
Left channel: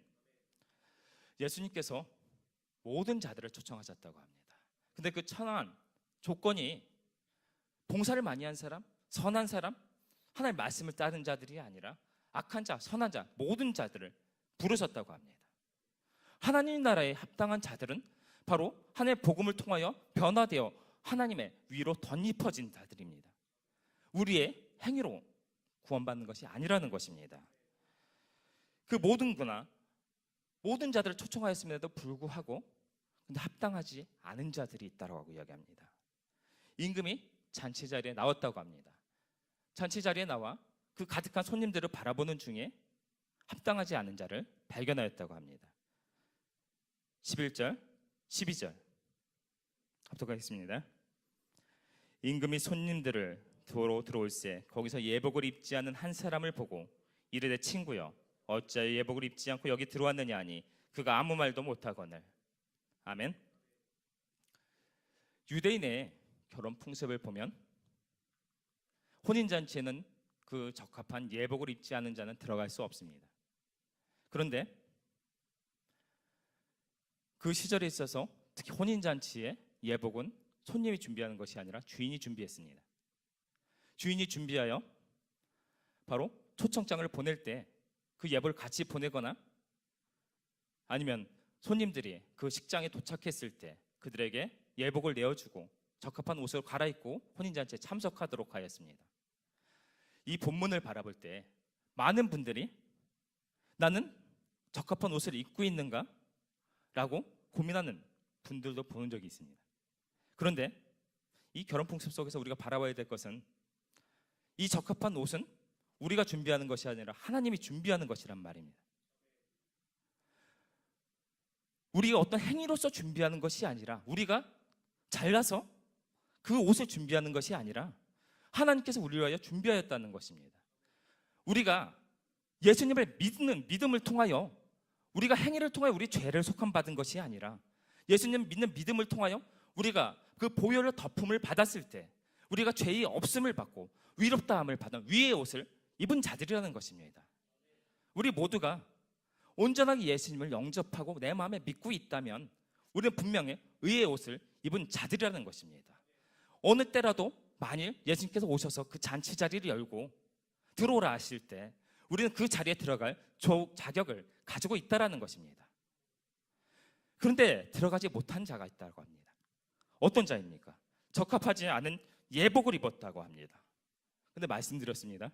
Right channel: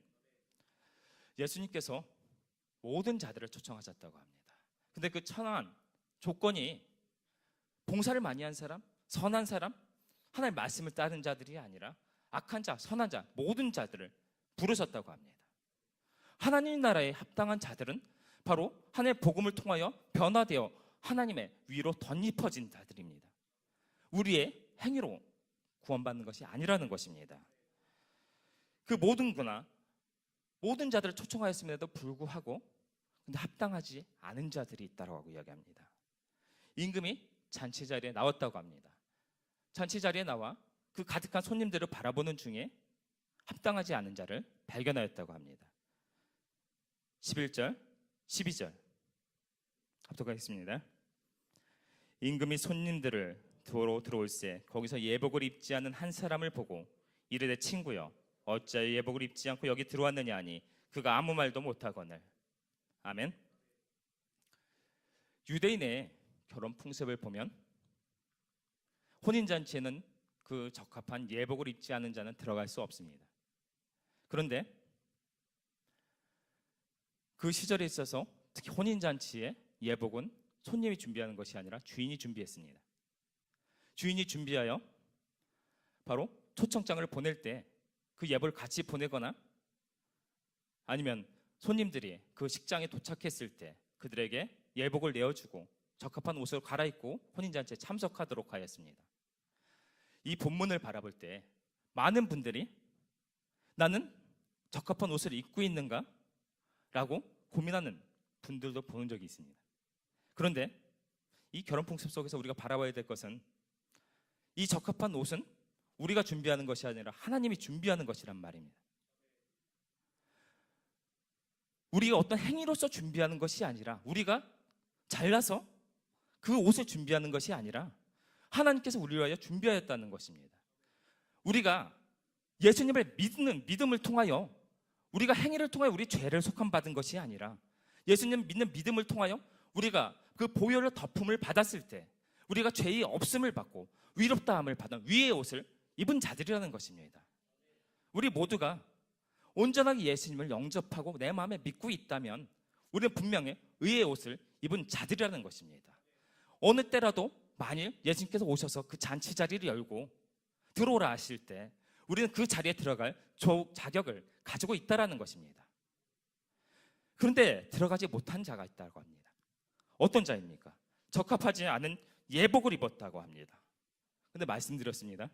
예수님께서 모든 자들을 초청하셨다고 합니다. 근데 그 청한 조건이 봉사를 많이 한 사람, 선한 사람, 하나님의 말씀을 따른 자들이 아니라 악한 자, 선한 자, 모든 자들을 부르셨다고 합니다. 하나님 나라에 합당한 자들은 바로 하나님의 복음을 통하여 변화되어 하나님의 위로 덧입혀진 자들입니다. 우리의 행위로 구원받는 것이 아니라는 것입니다. 그 모든 구나 모든 자들을 초청하였음에도 불구하고 근데 합당하지 않은 자들이 있다고 이야기합니다. 임금이 잔치 자리에 나왔다고 합니다. 잔치 자리에 나와 그 가득한 손님들을 바라보는 중에 합당하지 않은 자를 발견하였다고 합니다. 11절, 12절 합독하겠습니다. 임금이 손님들을 도로 들어올세 거기서 예복을 입지 않은 한 사람을 보고 이르되 친구여 어찌하여 예복을 입지 않고 여기 들어왔느냐 하니 그가 아무 말도 못하거늘. 아멘. 유대인의 결혼 풍습을 보면 혼인잔치에는 그 적합한 예복을 입지 않은 자는 들어갈 수 없습니다. 그런데 그 시절에 있어서 특히 혼인잔치의 예복은 손님이 준비하는 것이 아니라 주인이 준비했습니다. 주인이 준비하여 바로 초청장을 보낼 때 그 예복을 같이 보내거나 아니면 손님들이 그 식장에 도착했을 때 그들에게 예복을 내어주고 적합한 옷을 갈아입고 혼인잔치에 참석하도록 하였습니다. 이 본문을 바라볼 때 많은 분들이 나는 적합한 옷을 입고 있는가? 라고 고민하는 분들도 보는 적이 있습니다. 그런데 이 결혼 풍습 속에서 우리가 바라봐야 될 것은 이 적합한 옷은 우리가 준비하는 것이 아니라 하나님이 준비하는 것이란 말입니다. 우리가 어떤 행위로서 준비하는 것이 아니라 우리가 잘나서 그 옷을 준비하는 것이 아니라 하나님께서 우리를 위하여 준비하였다는 것입니다. 우리가 예수님을 믿는 믿음을 통하여 우리가 행위를 통하여 우리 죄를 속함받은 것이 아니라 예수님 믿는 믿음을 통하여 우리가 그 보혈의 덮음을 받았을 때 우리가 죄의 없음을 받고 위롭다함을 받은 위의 옷을 입은 자들이라는 것입니다. 우리 모두가 온전하게 예수님을 영접하고 내 마음에 믿고 있다면 우리는 분명히 의의 옷을 입은 자들이라는 것입니다. 어느 때라도 만일 예수님께서 오셔서 그 잔치 자리를 열고 들어오라 하실 때 우리는 그 자리에 들어갈 자격을 가지고 있다는 것입니다. 그런데 들어가지 못한 자가 있다고 합니다. 어떤 자입니까? 적합하지 않은 예복을 입었다고 합니다. 그런데 말씀드렸습니다.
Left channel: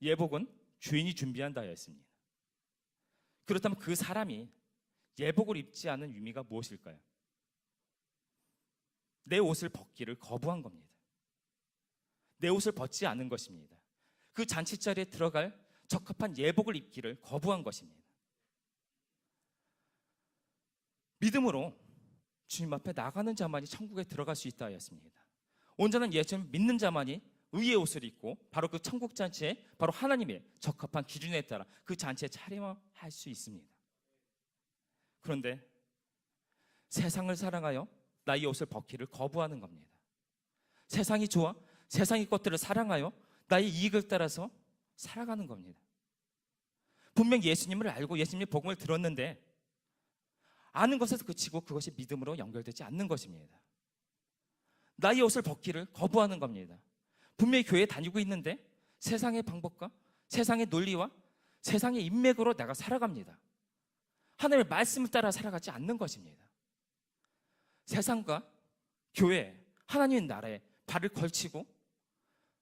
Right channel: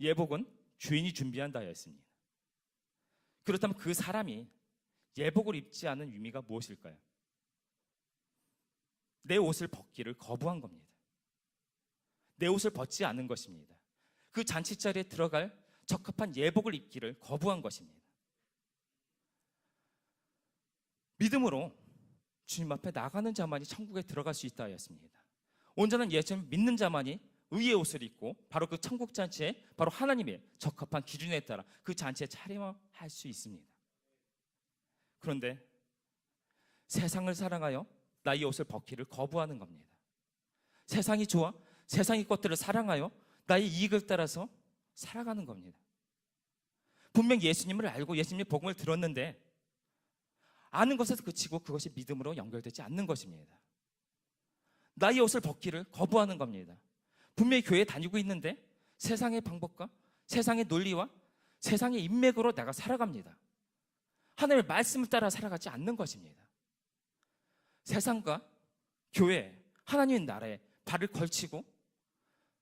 예복은 주인이 준비한다 했습니다. 그렇다면 그 사람이 예복을 입지 않은 의미가 무엇일까요? 내 옷을 벗기를 거부한 겁니다. 내 옷을 벗지 않은 것입니다. 그 잔치 자리에 들어갈 적합한 예복을 입기를 거부한 것입니다. 믿음으로 주님 앞에 나가는 자만이 천국에 들어갈 수 있다 하였습니다. 온전한 예수를 믿는 자만이 의의 옷을 입고 바로 그 천국 잔치에 바로 하나님의 적합한 기준에 따라 그 잔치에 차림할 수 있습니다. 그런데 세상을 사랑하여 나의 옷을 벗기를 거부하는 겁니다. 세상이 좋아 세상의 것들을 사랑하여 나의 이익을 따라서 살아가는 겁니다. 분명 예수님을 알고 예수님의 복음을 들었는데 아는 것에서 그치고 그것이 믿음으로 연결되지 않는 것입니다. 나의 옷을 벗기를 거부하는 겁니다. 분명히 교회에 다니고 있는데 세상의 방법과 세상의 논리와 세상의 인맥으로 내가 살아갑니다. 하나님의 말씀을 따라 살아가지 않는 것입니다. 세상과 교회, 하나님의 나라에 발을 걸치고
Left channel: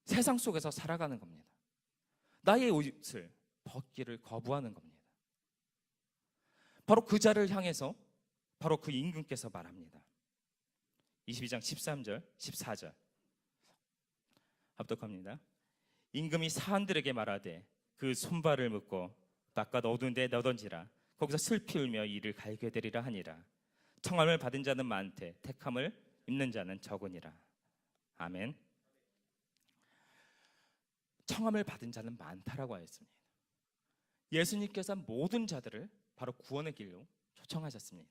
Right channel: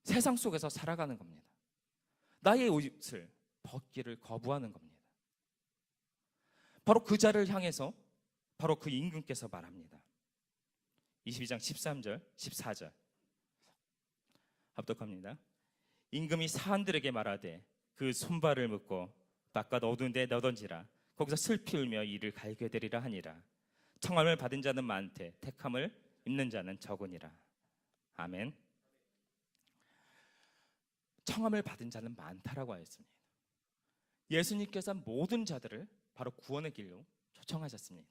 세상 속에서 살아가는 겁니다. 나의 옷을 벗기를 거부하는 겁니다. 바로 그 자를 향해서 바로 그 임금께서 말합니다. 22장 13절, 14절 합독합니다. 임금이 사한들에게 말하되 그 손발을 묶고 바깥 어두운 데에 넣어던지라. 거기서 슬피 울며 이를 갈게 되리라 하니라. 청함을 받은 자는 많되 택함을 입는 자는 적으니라. 아멘. 청함을 받은 자는 많다라고 하였습니다. 예수님께서 모든 자들을 바로 구원의 길로 초청하셨습니다.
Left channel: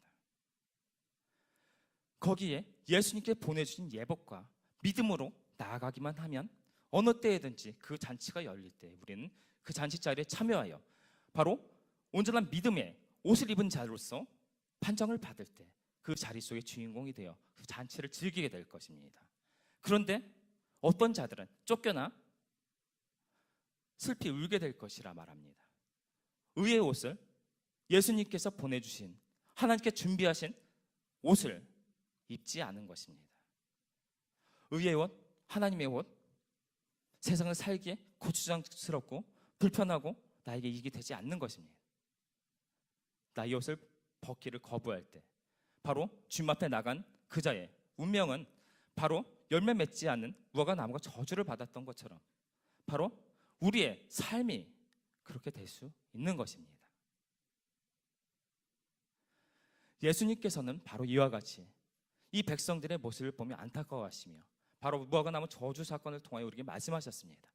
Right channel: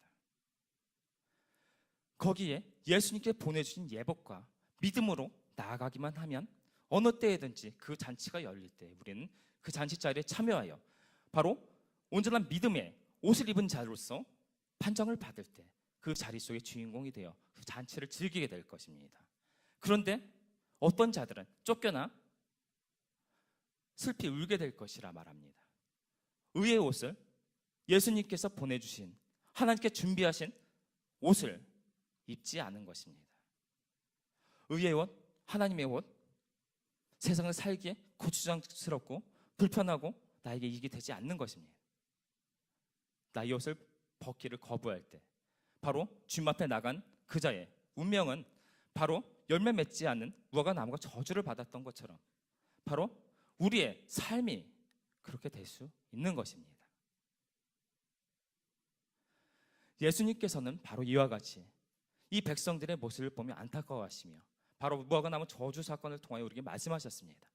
거기에 예수님께 보내주신 예복과 믿음으로 나아가기만 하면 어느 때에든지 그 잔치가 열릴 때 우리는 그 잔치 자리에 참여하여 바로 온전한 믿음의 옷을 입은 자로서 판정을 받을 때 그 자리 속의 주인공이 되어 그 잔치를 즐기게 될 것입니다. 그런데 어떤 자들은 쫓겨나 슬피 울게 될 것이라 말합니다. 의의 옷을 예수님께서 보내주신 하나님께 준비하신 옷을 입지 않은 것입니다. 의의 옷, 하나님의 옷, 세상을 살기에 고추장스럽고 불편하고 나에게 이익이 되지 않는 것입니다. 나의 옷을 벗기를 거부할 때 바로 주님 앞에 나간 그자의 운명은 바로 열매 맺지 않은 무화과 나무가 저주를 받았던 것처럼 바로 우리의 삶이 그렇게 될 수 있는 것입니다. 예수님께서는 바로 이와 같이 이 백성들의 모습을 보며 안타까워하시며 바로 무화과 나무 저주 사건을 통하여 우리에게 말씀하셨습니다.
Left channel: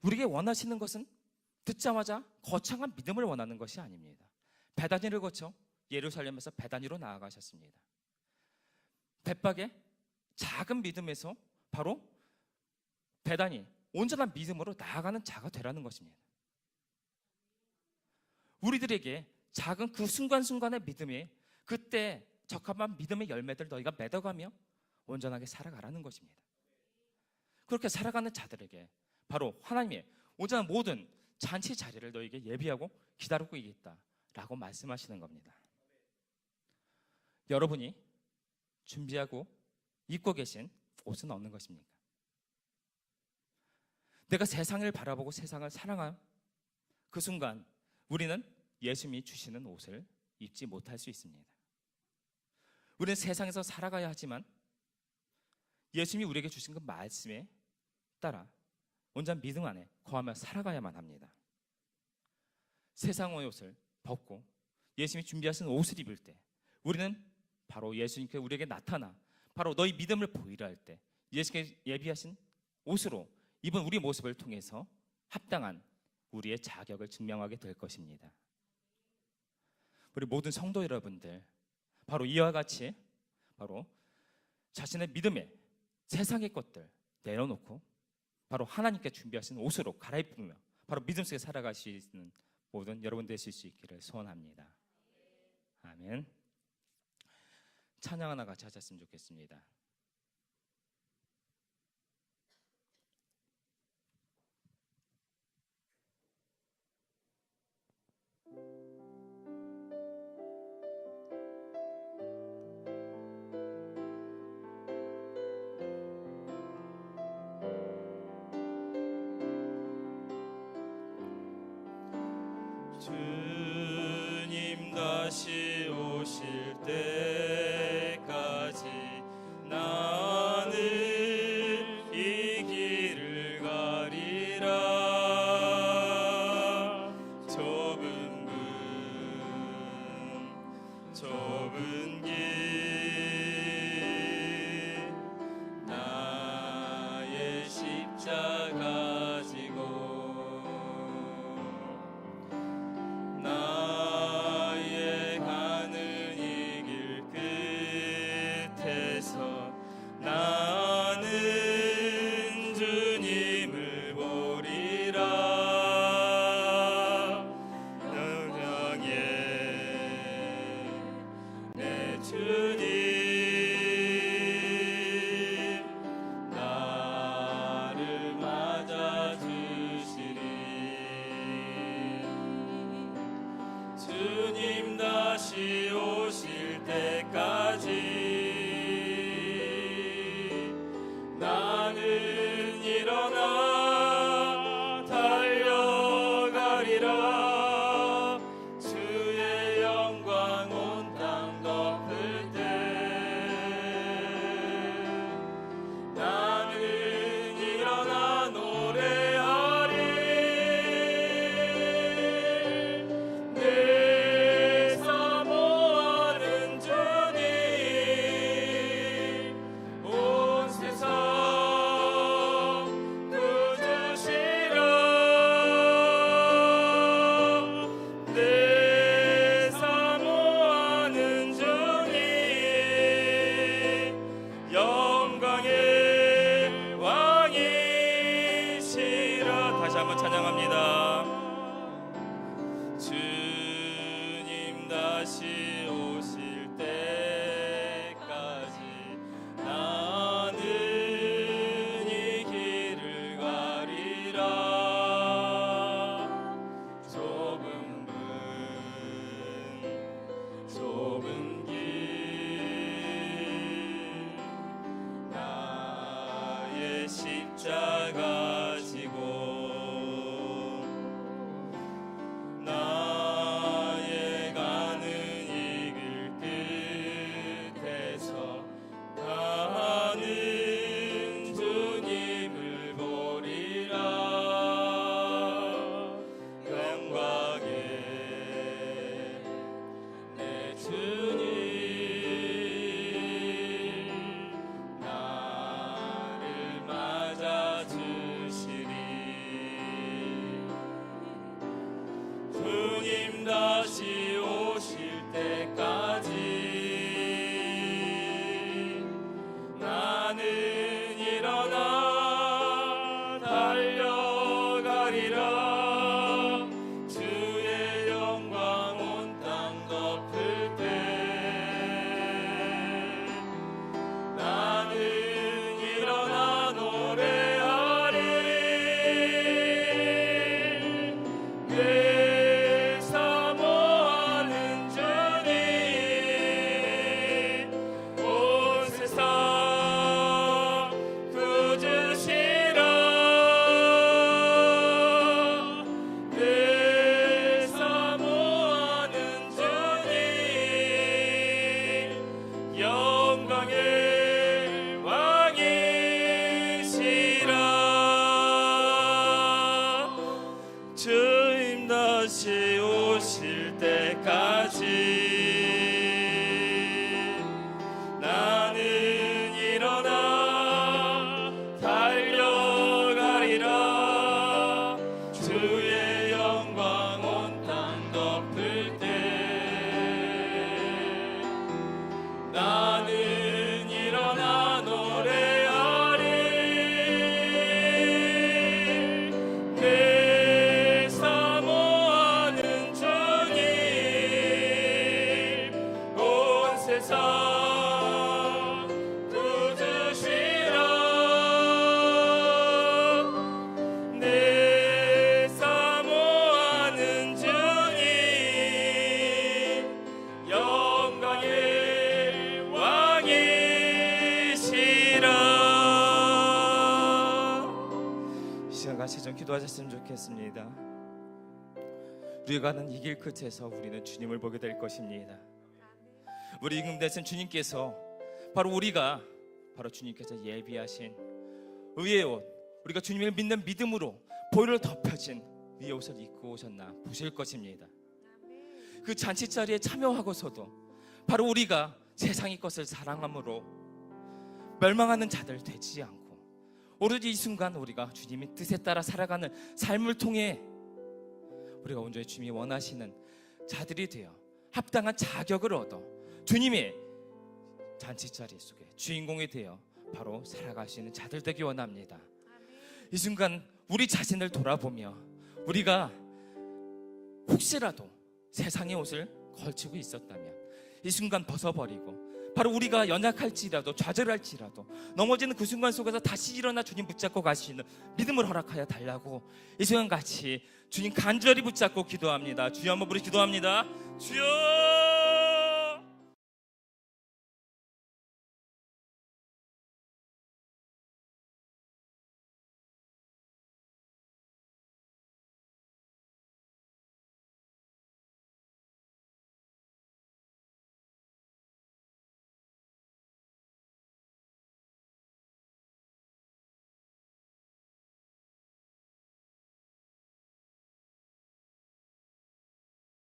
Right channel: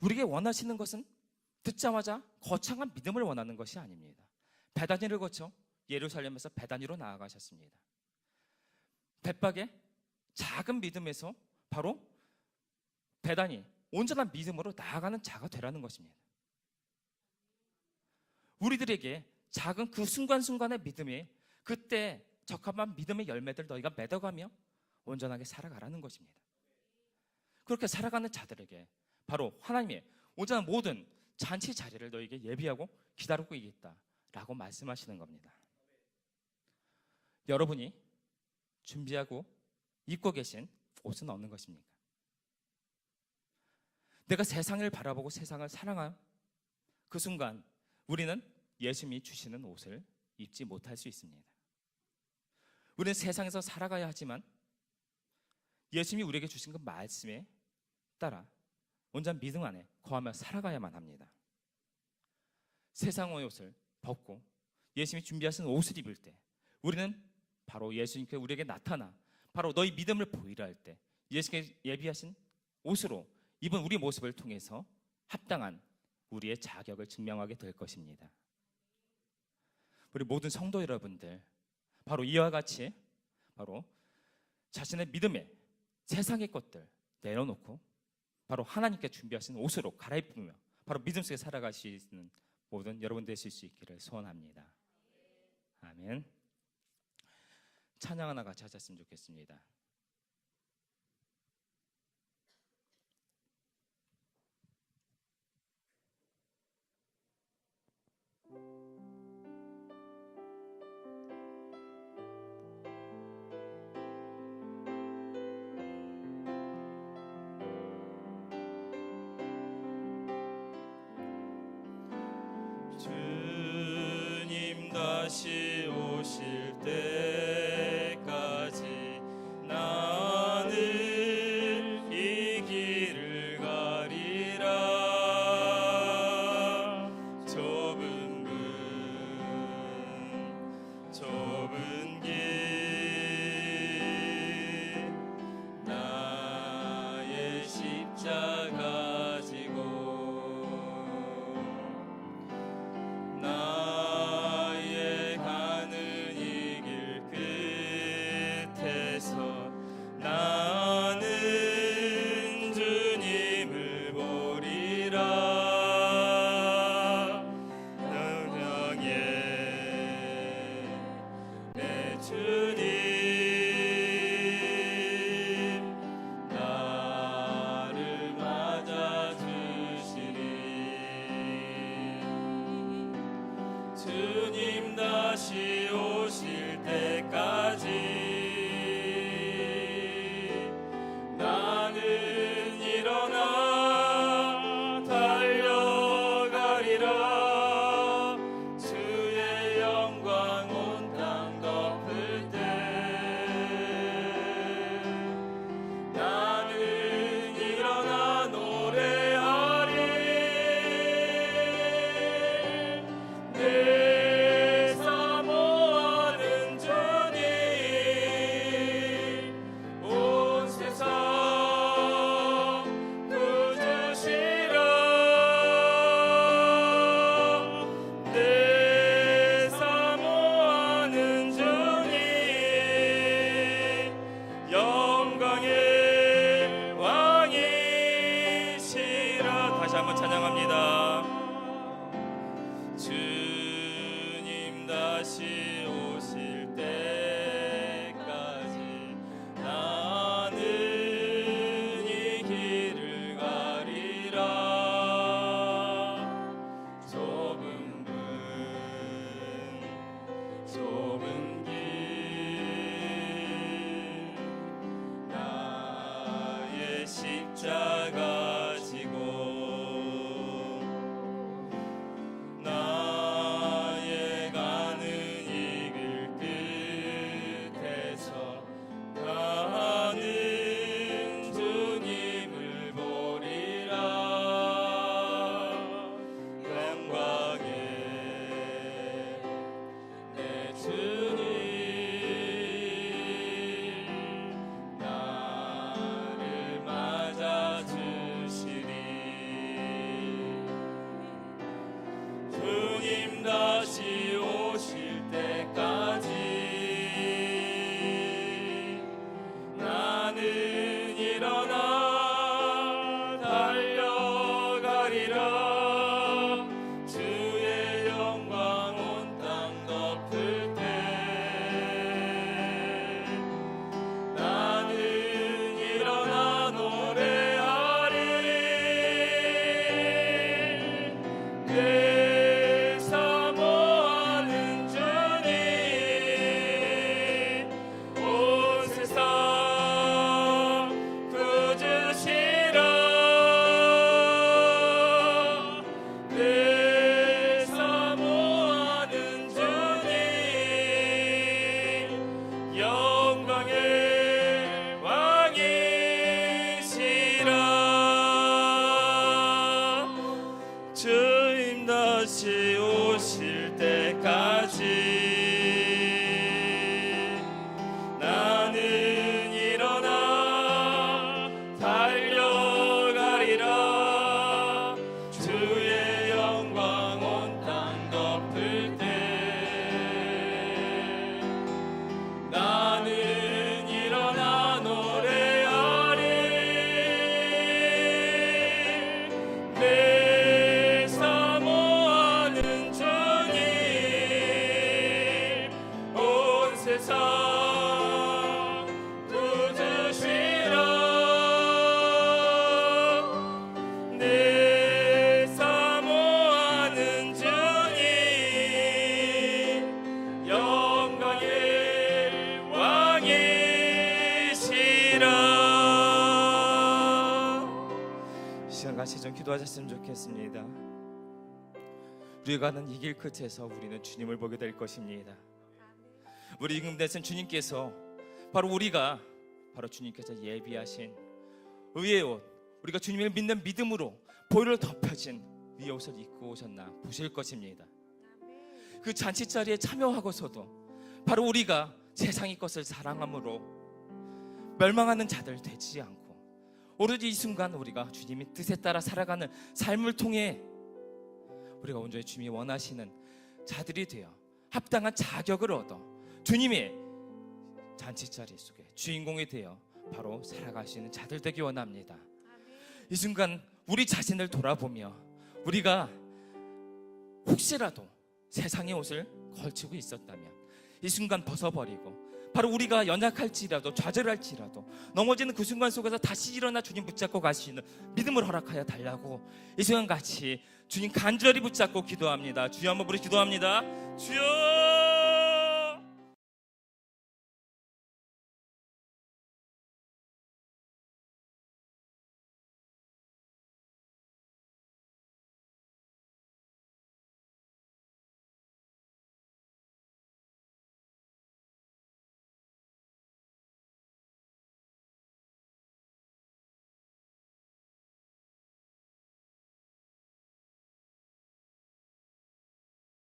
우리에게 원하시는 것은 듣자마자 거창한 믿음을 원하는 것이 아닙니다. 베다니를 거쳐 예루살렘에서 베다니로 나아가셨습니다. 벳박의 작은 믿음에서 바로 베다니, 온전한 믿음으로 나아가는 자가 되라는 것입니다. 우리들에게 작은 그 순간순간의 믿음이 그때 적합한 믿음의 열매들 너희가 맺어가며 온전하게 살아가라는 것입니다. 그렇게 살아가는 자들에게 바로 하나님의 온전한 모든 잔치 자리를 너희에게 예비하고 기다리고 있다라고 말씀하시는 겁니다. 여러분이 준비하고 입고 계신 옷은 어느 것입니까? 내가 세상을 바라보고 세상을 사랑한 그 순간 우리는 예수님이 주시는 옷을 입지 못할 수 있습니다. 우리는 세상에서 살아가야 하지만 예수님이 우리에게 주신 그 말씀에 따라 온전한 믿음 안에 거하며 살아가야만 합니다. 세상의 옷을 벗고 예수님이 준비하신 옷을 입을 때 우리는 바로 예수님께 우리에게 나타나 바로 너희 믿음을 보이라 할 때 예수님께 예비하신 옷으로 입은 우리 모습을 통해서 합당한 우리의 자격을 증명하게 될 것입니다. 우리 모든 성도 여러분들 바로 이와 같이 바로 자신의 믿음에 세상의 것들 내려놓고 바로 하나님께 준비하신 옷으로 갈아입으며 바로 믿음 속에 살아갈 수 있는 모든 여러분 되실 수 있기를 소원합니다. 아멘. 찬양 하나 같이 하셨으면 좋겠습니다. 주님 다시 오실 때까지 나는 이 길을 가리라. 좁은 길 나의 십자가 지고 나의 가는 이 길 끝에서 나는 주님을 보리라. 너 향해 내 주님 나를 맞아주시리. 주님 다시 오실 때까지 나는 일어나 달려가리라. 주의 영광 온 땅 덮을 때 나는 일어나 노래하리. 내 사모하는 주님 온 세상 구주시라. 내 사모하는 주님 영광의 왕이시라. 다시 한번 찬양합니다. 주님 다시 오실 때까지 나는 이 길을 가리라. 좁은 문 다시 오실 때까지 나는 일어나 달려가리라. 주의 영광 온 땅 덮을 때 나는 일어나 노래하리. 내 사모하는 주님 온 세상 구주시라. 내 사모하는 주님 영광의 왕이시라. 주님 다시 오실 때까지 나는 일어나 달려가리라. 주의 영광 온 땅 덮을 때 나는 일어나 노래하리. 내 사모하는 주님 온 세상 구주시라. 내 사모하는 주님 영광의 왕이시라. 이 시간 같이 좀 기도하셨으면 좋겠습니다. 우리가 가는 이 길 끝에서 우리는 주님을 보게 될 것입니다. 우리 이 군대에서는 주님께서 바로 주님께서 예비하신 의의 옷, 우리가 주님을 믿는 믿음으로 보혈로 덮여진 위의 옷을 입고 오셨나 보실 것입니다. 그 잔치 자리에 참여하고서도 바로 우리가 세상의 것을 사랑함으로 멸망하는 자들 되지 않고 오로지 이 순간 우리가 주님의 뜻에 따라 살아가는 삶을 통해 우리가 온전히 주님이 원하시는 자들이 되어 합당한 자격을 얻어 주님의 잔치자리 속에 주인공이 되어 바로 살아가시는 자들 되기 원합니다. 이 순간 우리 자신을 돌아보며 우리가 혹시라도 세상의 옷을 걸치고 있었다면 이 순간 벗어버리고 바로 우리가 연약할지라도 좌절할지라도 넘어지는 그 순간 속에서 다시 일어나 주님 붙잡고 갈 수 있는 믿음을 허락하여 달라고 이 시간 같이 주님 간절히 붙잡고 기도합니다. 주여 한번 우리 기도합니다. 주여